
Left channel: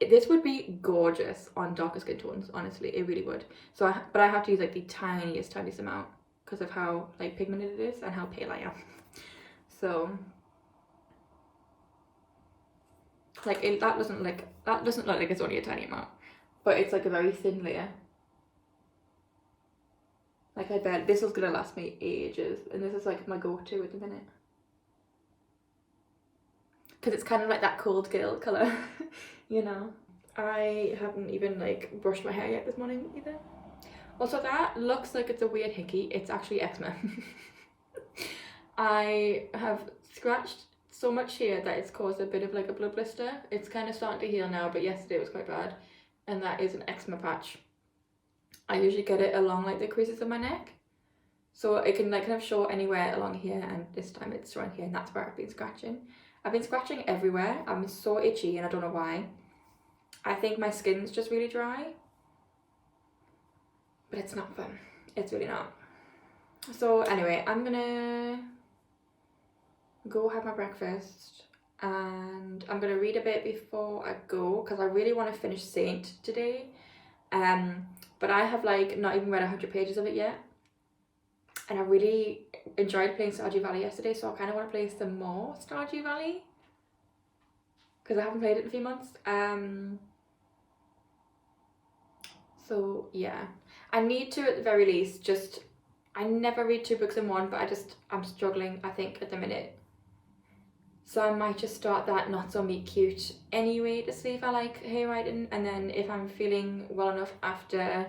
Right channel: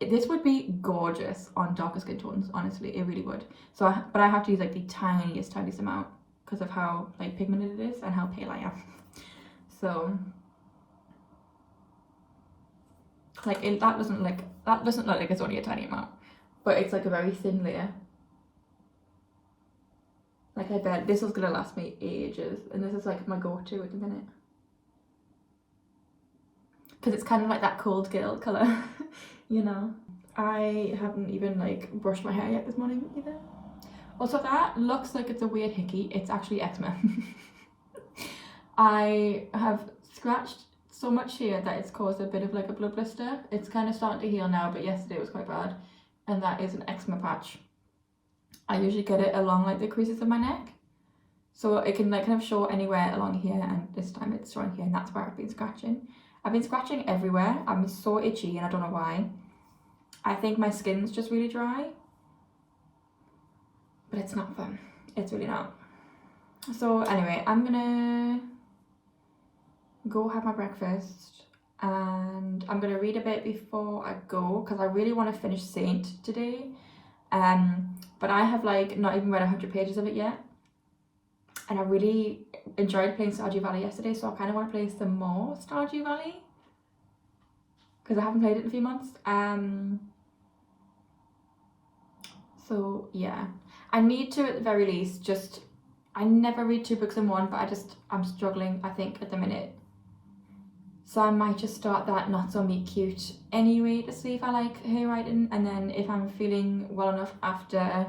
This would be gorgeous on darker skin tones, honestly, it really would. So, but I have to use like the tiniest amount because of how like pigmented it is and how pale I am. So, like that doesn't look like it's only a tiny amount, but it's like a very thin layer. Like I bet this is gonna last me ages, and this is like my go-to at the minute because it's kind of like that cold girl colour. You know, I haven't even like brushed my hair yet this morning either. Also, that looks like it's a weird hickey. It's actually eczema. I have scratched so much here that it's caused a bit of like a blood blister. It's kind of starting to heal now, but yesterday it was quite bad, and that is an eczema patch. I usually get it along like the creases of my neck, so it can like kind of show anywhere along here, and this time it's showing here, and that's where I've been scratching. I've been scratching everywhere. I'm so itchy and I don't know why. I think my skin's just really dry, but it's not fun. It's really not. So anyway, I'm gonna go have my breakfast and I'm gonna read a bit before I go because I really want to finish Saint today. But I have like not even read 100 pages of it yet, and I really enjoyed playing Stardew Valley yesterday, so I kind of want to play some more Stardew Valley because I haven't played it in a few months. So yeah, I need to at the very least just, I never read 2 books in one, but I'm struggling I think at the minute. So I might just start that Not So Meet Cute anyway to see if I like hair writing, and then if I'm feeling well enough after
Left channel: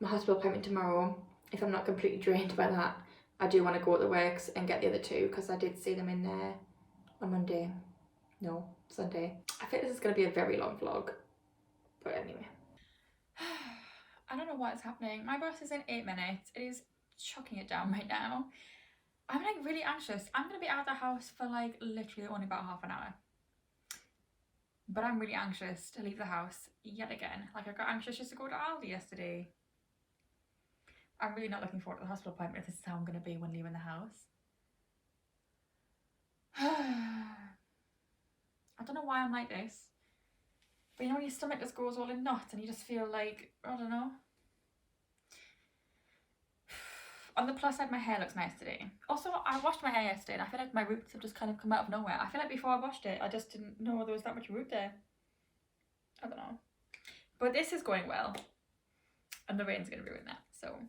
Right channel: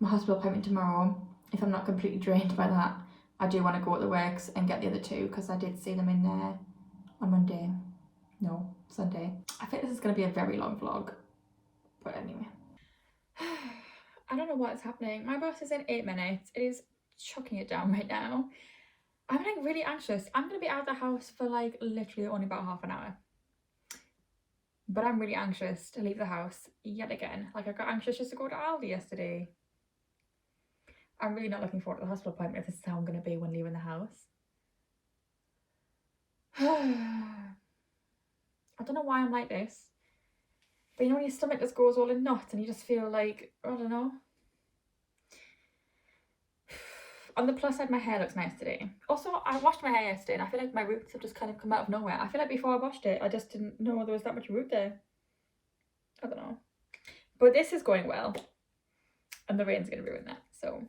my hospital appointment tomorrow, if I'm not completely drained by that, I do want to go to the works and get the other two, because I did see them in there on Monday. No, Sunday. I think this is going to be a very long vlog, but anyway. I don't know what is happening. My bus is in 8 minutes. It is chucking it down right now. I'm like really anxious. I'm going to be out of the house for like literally only about half an hour. But I'm really anxious to leave the house yet again. Like I got anxious just to go to Aldi yesterday. I'm really not looking forward to the hospital appointment if this is how I'm going to be when leaving the house. I don't know why I'm like this. But you know when your stomach just goes all in knots and you just feel like, I don't know. On the plus side, my hair looks nice today. Also, I washed my hair yesterday and I feel like my roots have just kind of come out of nowhere. I feel like before I washed it, I just didn't know there was that much root there. I don't know. But this is going well. And the rain's going to ruin that, so.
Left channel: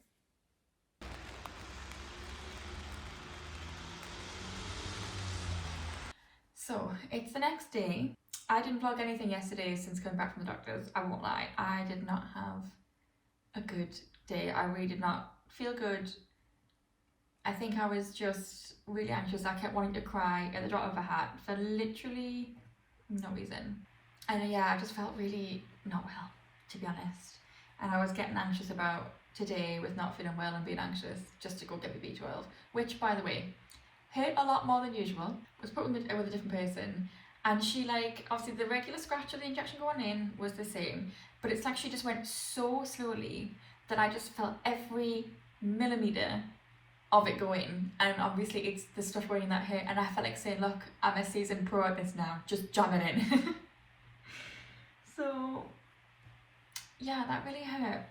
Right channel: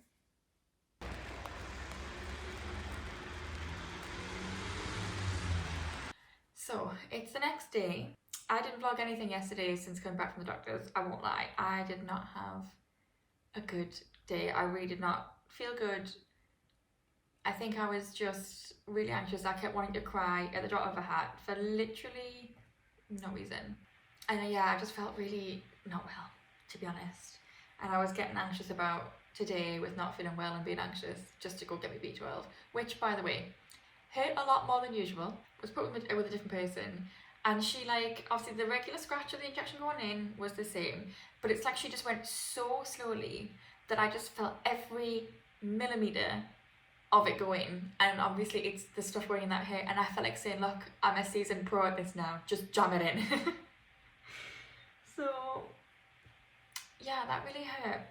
So, it's the next day. I didn't vlog anything yesterday since coming back from the doctors. I won't lie. I did not have a good day. I really did not feel good. I think I was just really anxious. I kept wanting to cry at the drop of a hat for literally no reason. And yeah, I just felt really not well, to be honest. And I was getting anxious about today with not feeling well and being anxious just to go get me B12, which, by the way, hurt a lot more than usual. Was put with a different person, and she, like, obviously the regular scratch of the injection going in was the same, but it's like she just went so slowly that I just felt every millimeter of it going, and obviously it's the stuff going in that hair, and I felt like saying, look, I'm a seasoned pro at this now, just jam it in. So yeah, that really hurt,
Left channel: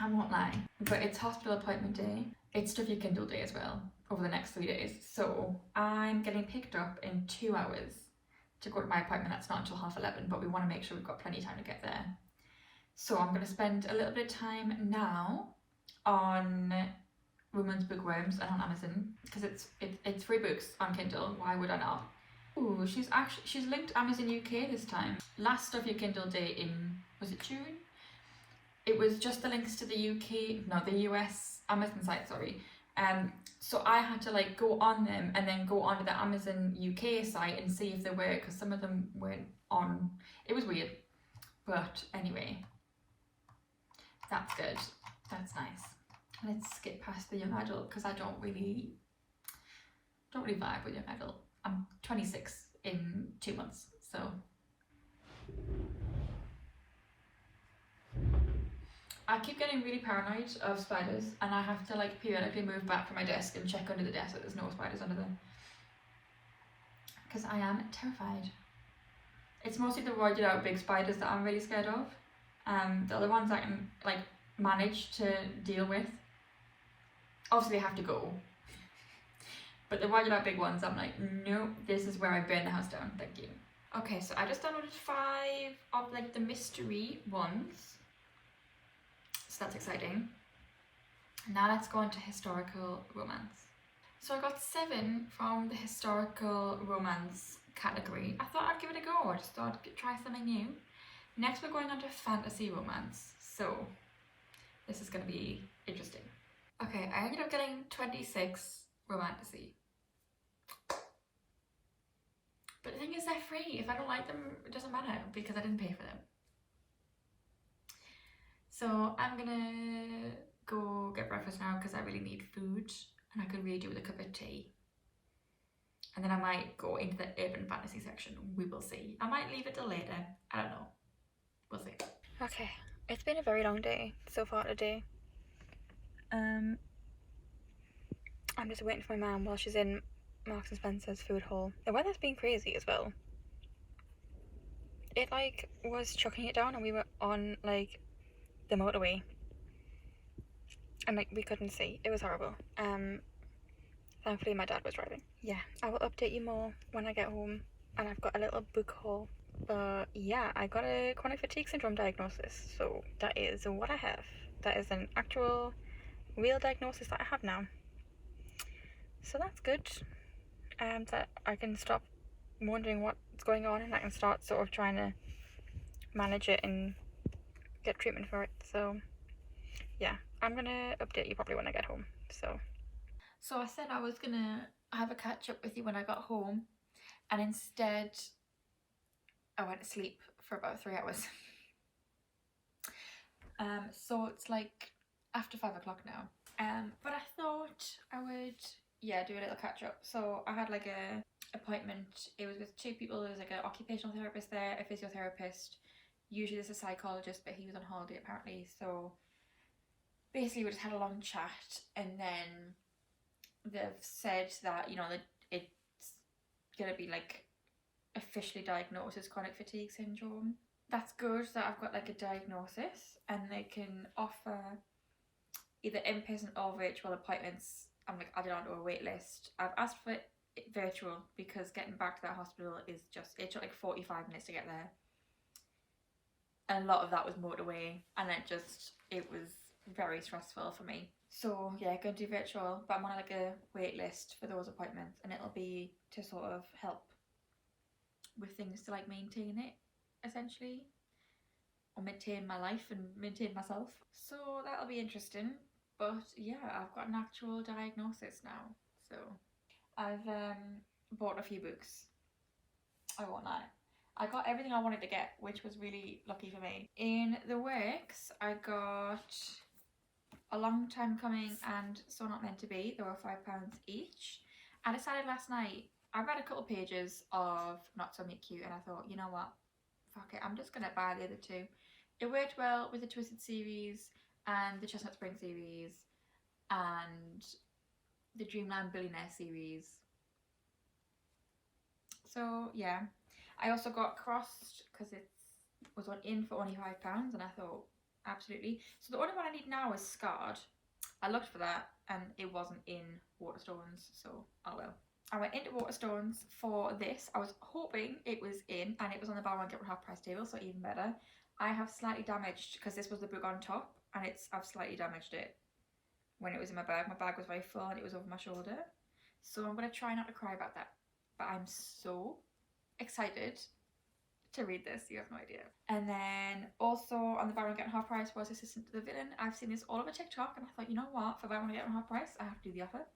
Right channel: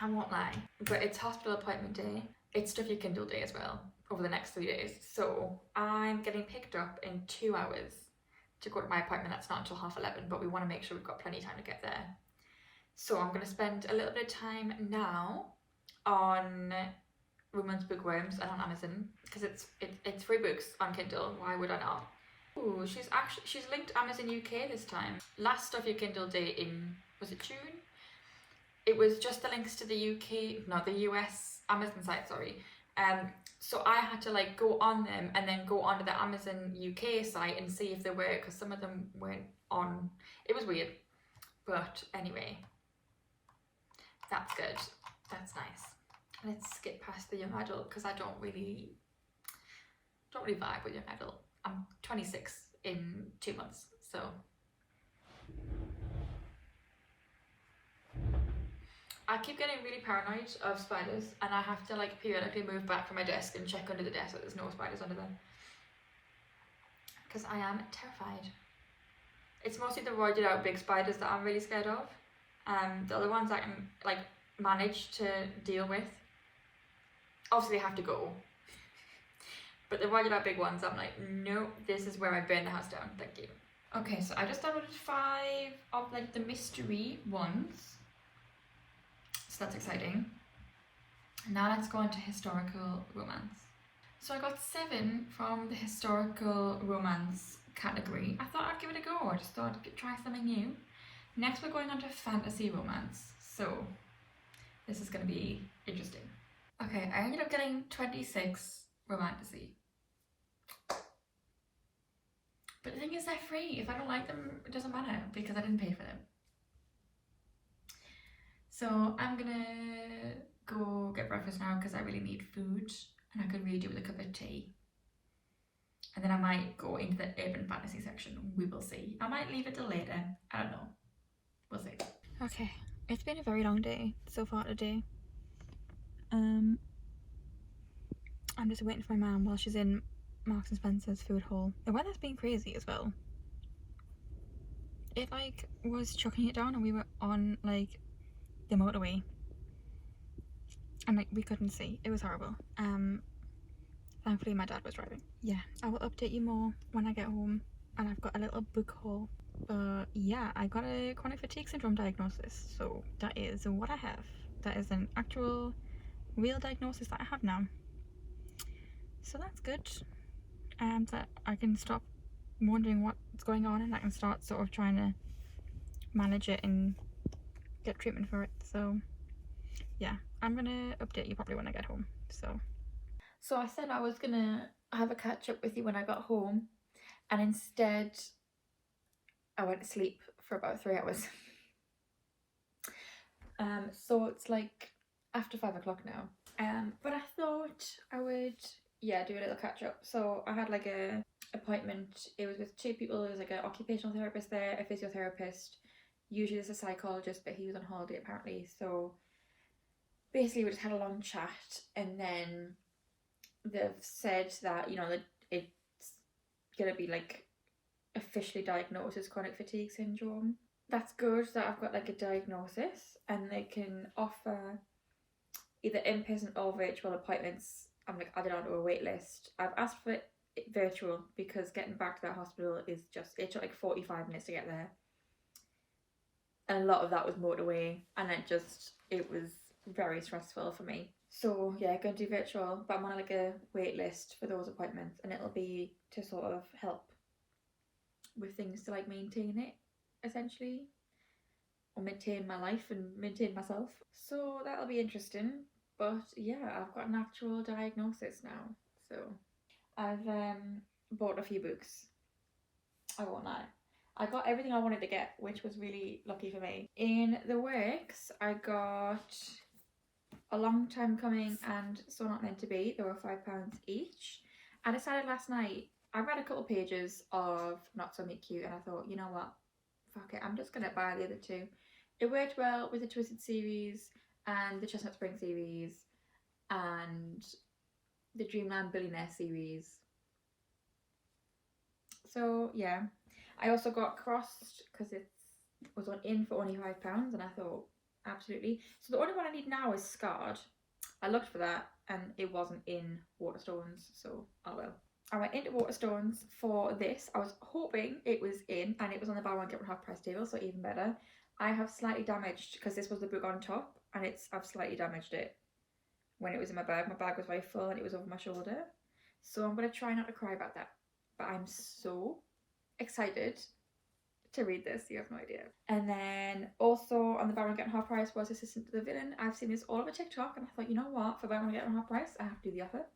I won't lie. But it's hospital appointment day. It's stuff you can do day as well over the next 3 days. So I'm getting picked up in 2 hours to go to my appointment. That's not until 11:30, but we want to make sure we've got plenty of time to get there. So I'm going to spend a little bit of time now on Women's Bookworms and on Amazon, because it's free books on Kindle. Why would I not? Ooh, she's linked Amazon UK this time. Last stuff you Kindle day in, was it June? It was just the links to the the US Amazon site, sorry. So I had to like go on them and then go onto the Amazon UK site and see if they were, because some of them weren't on. It was weird, but anyway, that's good. That's nice. Let's skip past the young adult, because I don't really vibe with young adult. I'm 26 in 2 months, so. I keep getting really paranoid of spiders, and I have to like periodically move back from my desk and check under the desk that there's no spiders under them, because I am terrified. It's mostly the roided out big spiders that I'm really scared of. The other ones I can like manage to deal with. Obviously they have to go, but the roided out big ones, I'm like, nope, this is where I burn the house down, thank you. Okay, so I just downloaded 5 of like the mystery ones. So that's exciting. Now let's go into historical romance. So I got 7 from the historical romance category. I thought I'd give it a go. I just thought I'd try something new. Next we're going on to fantasy romance. So this is going to be interesting. Okay, I ended up getting 26 romantasy. But the thing is, they're free. If I don't like them, it doesn't matter, because I didn't pay for them. So I'm gonna go get breakfast now, because I really need food, and I could really do with a cup of tea. And then I might go into the urban fantasy section. We will see. I might leave it till later. I don't know. We'll see. Okay, it's been a very long day so far today. I'm just waiting for my mum while she's in Marks and Spencer's food hall. The weather's been crazy as well. It like was chucking it down, and we were on like the motorway, and like we couldn't see. It was horrible. Thankfully my dad was driving. Yeah, I will update you more when I get home, and I've got a little book haul. Yeah, I got a chronic fatigue syndrome diagnosis, so that is what I have. That is an actual real diagnosis that I have now, so that's good. that I can stop wondering what's going on and I can start sort of trying to manage it and get treatment for it. So yeah, I'm gonna update you probably when I get home. So I said I was gonna have a catch up with you when I got home, and instead I went to sleep for about 3 hours. So it's like after 5 o'clock now. But I thought I would, yeah, do a little catch up. So I had like a appointment. It was with 2 people. There was like an occupational therapist there, a physiotherapist. Usually there's a psychologist, but he was on holiday apparently. So basically we just had a long chat, and then they've said that, you know, that it's gonna be like officially diagnosed as chronic fatigue syndrome. That's good that I've got like a diagnosis, and they can offer either in-person or virtual appointments. I'm like added onto a wait list. I've asked for it virtual because getting back to that hospital is just, it took like 45 minutes to get there, and a lot of that was motorway, and it was very stressful for me. So yeah, going to do virtual, but I'm on like a wait list for those appointments, and it'll be to sort of help with things to like maintain it, essentially, or maintain my life and maintain myself. So that'll be interesting. But yeah, I've got an actual diagnosis now. So I've bought a few books. I won't lie. I got everything I wanted to get, which was really lucky for me. In the works, I got A Long Time Coming and So Not Meant to Be. They were £5 each. I decided last night, I read a couple pages of Not So Meet Cute, and I thought, you know what, fuck it, I'm just gonna buy the other 2. It worked well with the Twisted series and the Chestnut Spring series and the Dreamland Billionaire series. So yeah, I also got Crossed because it was in for only £5, and I thought, absolutely. So the only one I need now is Scarred. I looked for that and it wasn't in Waterstones, so oh well. I went into Waterstones for this. I was hoping it was in, and it was on the buy one get one half price table, so even better. I have slightly damaged, because this was the book on top, and I've slightly damaged it when it was in my bag. My bag was very full and it was over my shoulder. So I'm going to try not to cry about that. But I'm so excited to read this, you have no idea. And then also on the buy one get one half price was Assistant to the Villain. I've seen this all over TikTok, and I thought, you know what, for buy one get one half price, I have to do the offer.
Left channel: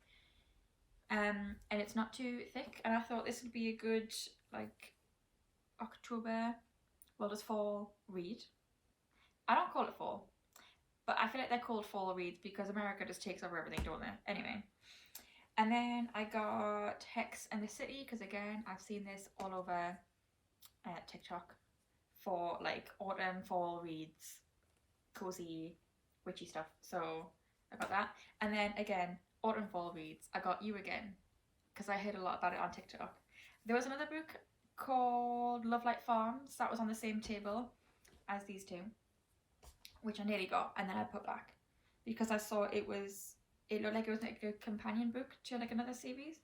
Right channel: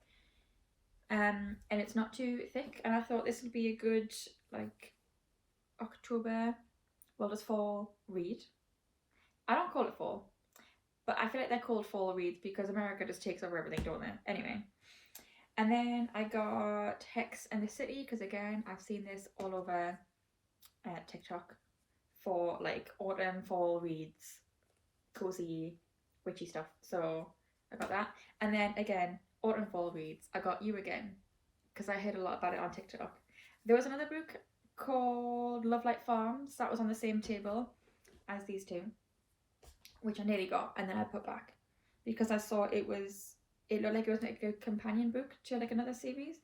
And it's not too thick, and I thought this would be a good like October, well, just fall read. I don't call it fall, but I feel like they're called fall reads because America just takes over everything, don't they? Anyway. And then I got Hex and the City, because again, I've seen this all over TikTok for like autumn, fall reads, cozy, witchy stuff. So I got that. And then again, autumn, fall reads, I got You Again, because I heard a lot about it on TikTok. There was another book called Love Like Farms that was on the same table as these 2, which I nearly got, and then I put back because I saw it looked like it was like a companion book to like another series,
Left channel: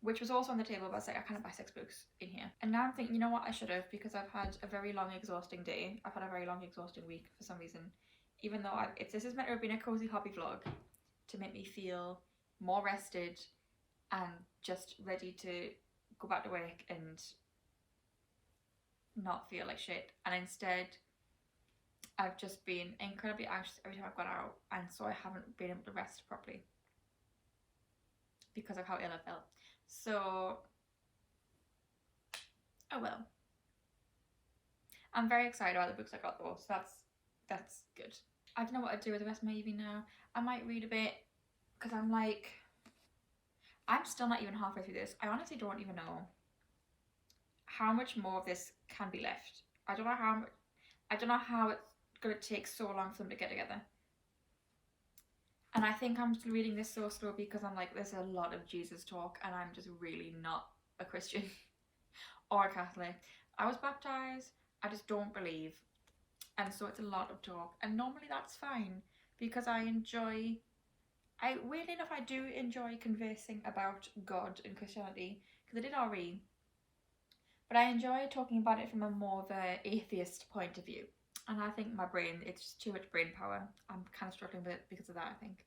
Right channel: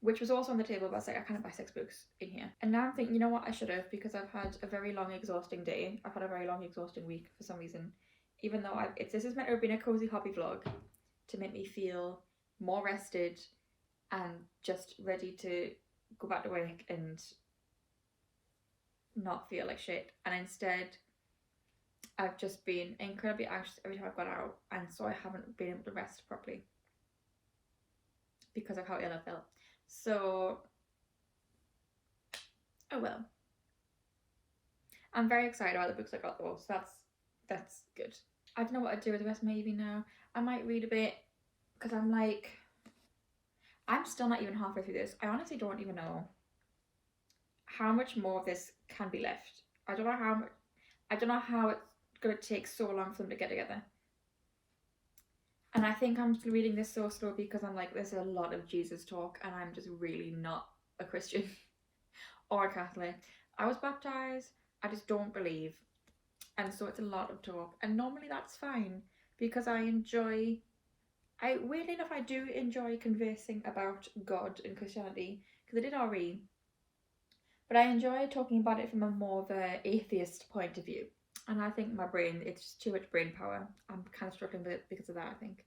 which was also on the table, but I was like, I can't buy 6 books in here. And now I'm thinking, you know what, I should have, because I've had a very long exhausting day. I've had a very long exhausting week for some reason, even though this is meant to have been a cozy hobby vlog to make me feel more rested and just ready to go back to work and not feel like shit. And instead I've just been incredibly anxious every time I've gone out, and so I haven't been able to rest properly because of how ill I felt. So oh well. I'm very excited about the books I got though, so that's good. I don't know what I'd do with the rest of my evening now. I might read a bit, because I'm still not even halfway through this. I honestly don't even know how much more of this can be left. I don't know how it's going to take so long for them to get together. And I think I'm just reading this so slow because I'm like, there's a lot of Jesus talk, and I'm just really not a Christian or a Catholic. I was baptized, I just don't believe. And so it's a lot of talk. And normally that's fine, because weirdly enough, I do enjoy conversing about God and Christianity, because I did RE. But I enjoy talking about it from a more of an atheist point of view. And I think my brain, it's just too much brain power. I'm kind of struggling with it because of that, I think.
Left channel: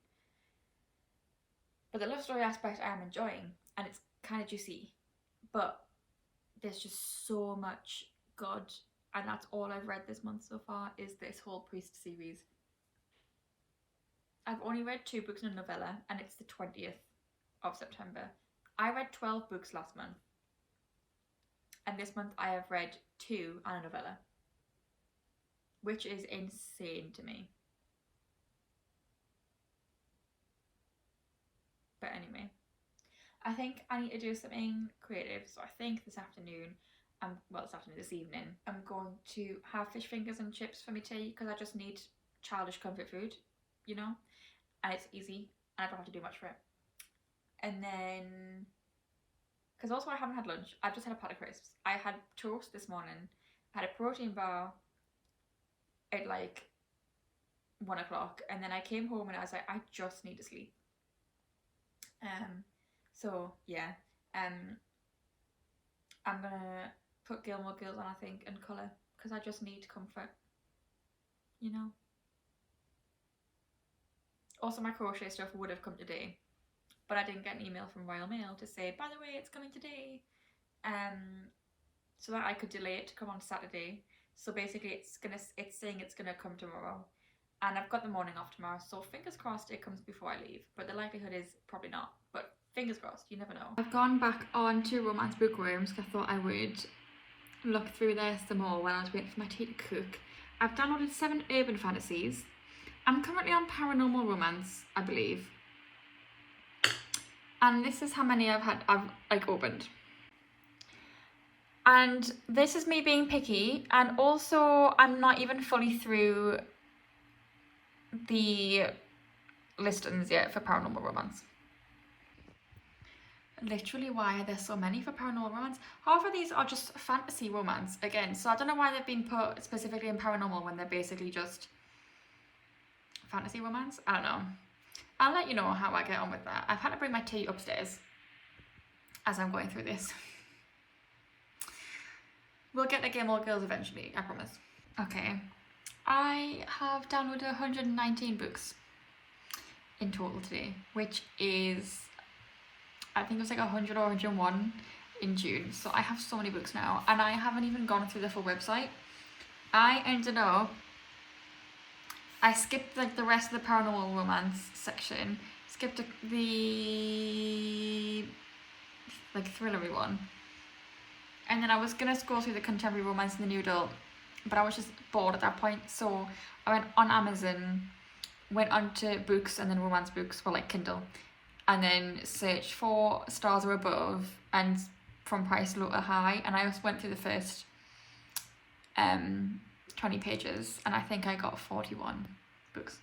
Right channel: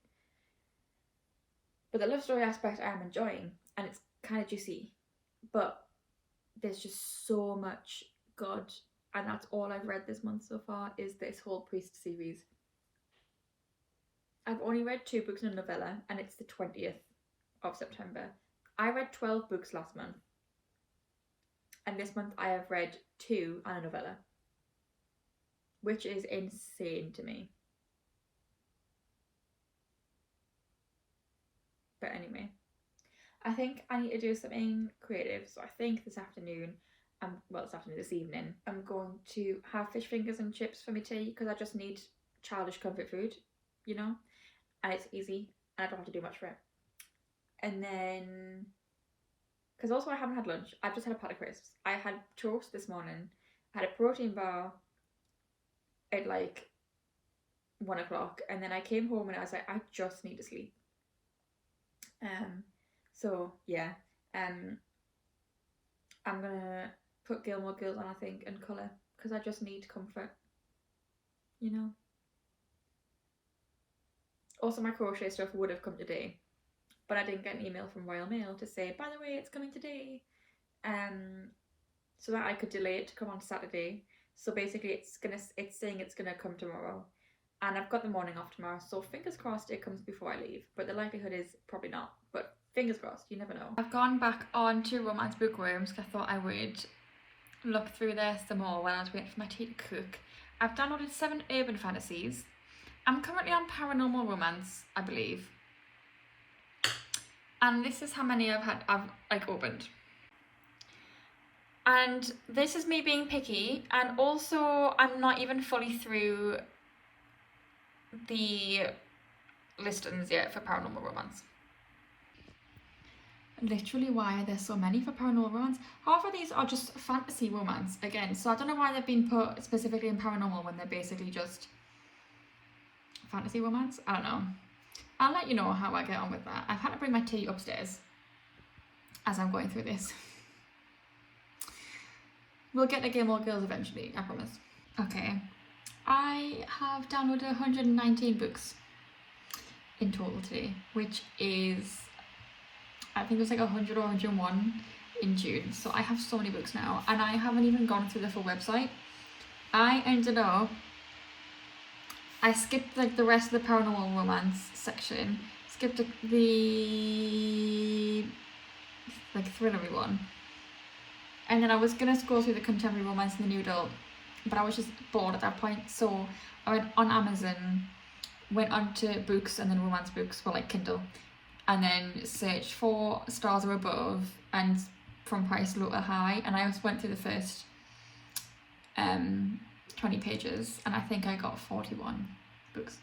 But the love story aspect I am enjoying, and it's kind of juicy, but there's just so much good, and that's all I've read this month so far is this whole Priest series. I've only read 2 books and a novella, and it's the 20th of September. I read 12 books last month, and this month I have read 2 and a novella, which is insane to me. But anyway, I think I need to do something creative, so I think this afternoon, this evening, I'm going to have fish fingers and chips for my tea, because I just need childish comfort food, you know, and it's easy, and I don't have to do much for it. And then, because also I haven't had lunch, I've just had a pat of crisps. I had toast this morning, I had a protein bar at like 1 o'clock, and then I came home and I was like, I just need to sleep. So yeah, I'm gonna put Gilmore Girls on, I think, and colour, because I just need comfort, you know. Also, my crochet stuff would have come today, but I didn't get an email from Royal Mail to say, by the way, it's coming today, so that I could delay it to come on Saturday. So basically it's saying it's gonna come tomorrow, and I've got the morning off tomorrow, so fingers crossed it comes before I leave, but the likelihood is probably not, but fingers crossed, you never know. I've gone back on to Romance Bookworms because I thought I would look through there some more while I was waiting for my tea to cook. I've downloaded 7 urban fantasies. I'm currently on Paranormal Romance, I believe, and this is how many I've opened. And this is me being picky, and also I'm not even fully through the listings yet for Paranormal Romance. Literally, why are there so many for Paranormal Romance? Half of these are just fantasy romance again, so I don't know why they've been put specifically in paranormal when they're basically just fantasy romance. I don't know. I'll let you know how I get on with that. I've had to bring my tea upstairs as I'm going through this. We'll get to Gilmore Girls eventually, I promise. Okay, I have downloaded 119 books in total today, which is, I think it was like 100 or 101 in June. So I have so many books now, and I haven't even gone through the full website. I skipped like the rest of the paranormal romance section, skipped the like thrillery one, and then I was gonna scroll through the contemporary romance and the new adult, but I was just bored at that point, so I went on Amazon, went onto books and then romance books for like Kindle, and then searched for Stars Are Above and From Price Low to High, and I just went through the first 20 pages, and I think I got 41 books.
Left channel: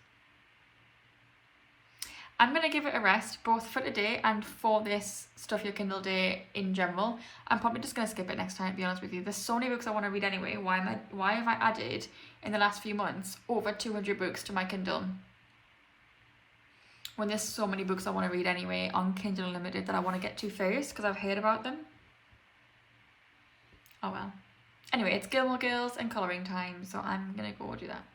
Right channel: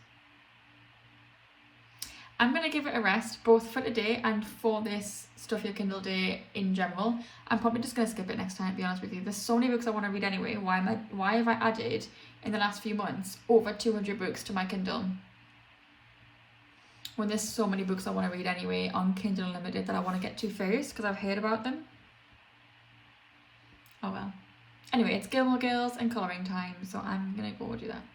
I'm going to give it a rest, both for today and for this Stuff Your Kindle Day in general. I'm probably just going to skip it next time, to be honest with you. There's so many books I want to read anyway. Why have I added, in the last few months, over 200 books to my Kindle, when there's so many books I want to read anyway on Kindle Unlimited that I want to get to first, because I've heard about them. Oh well. Anyway, it's Gilmore Girls and colouring time, so I'm going to go do that.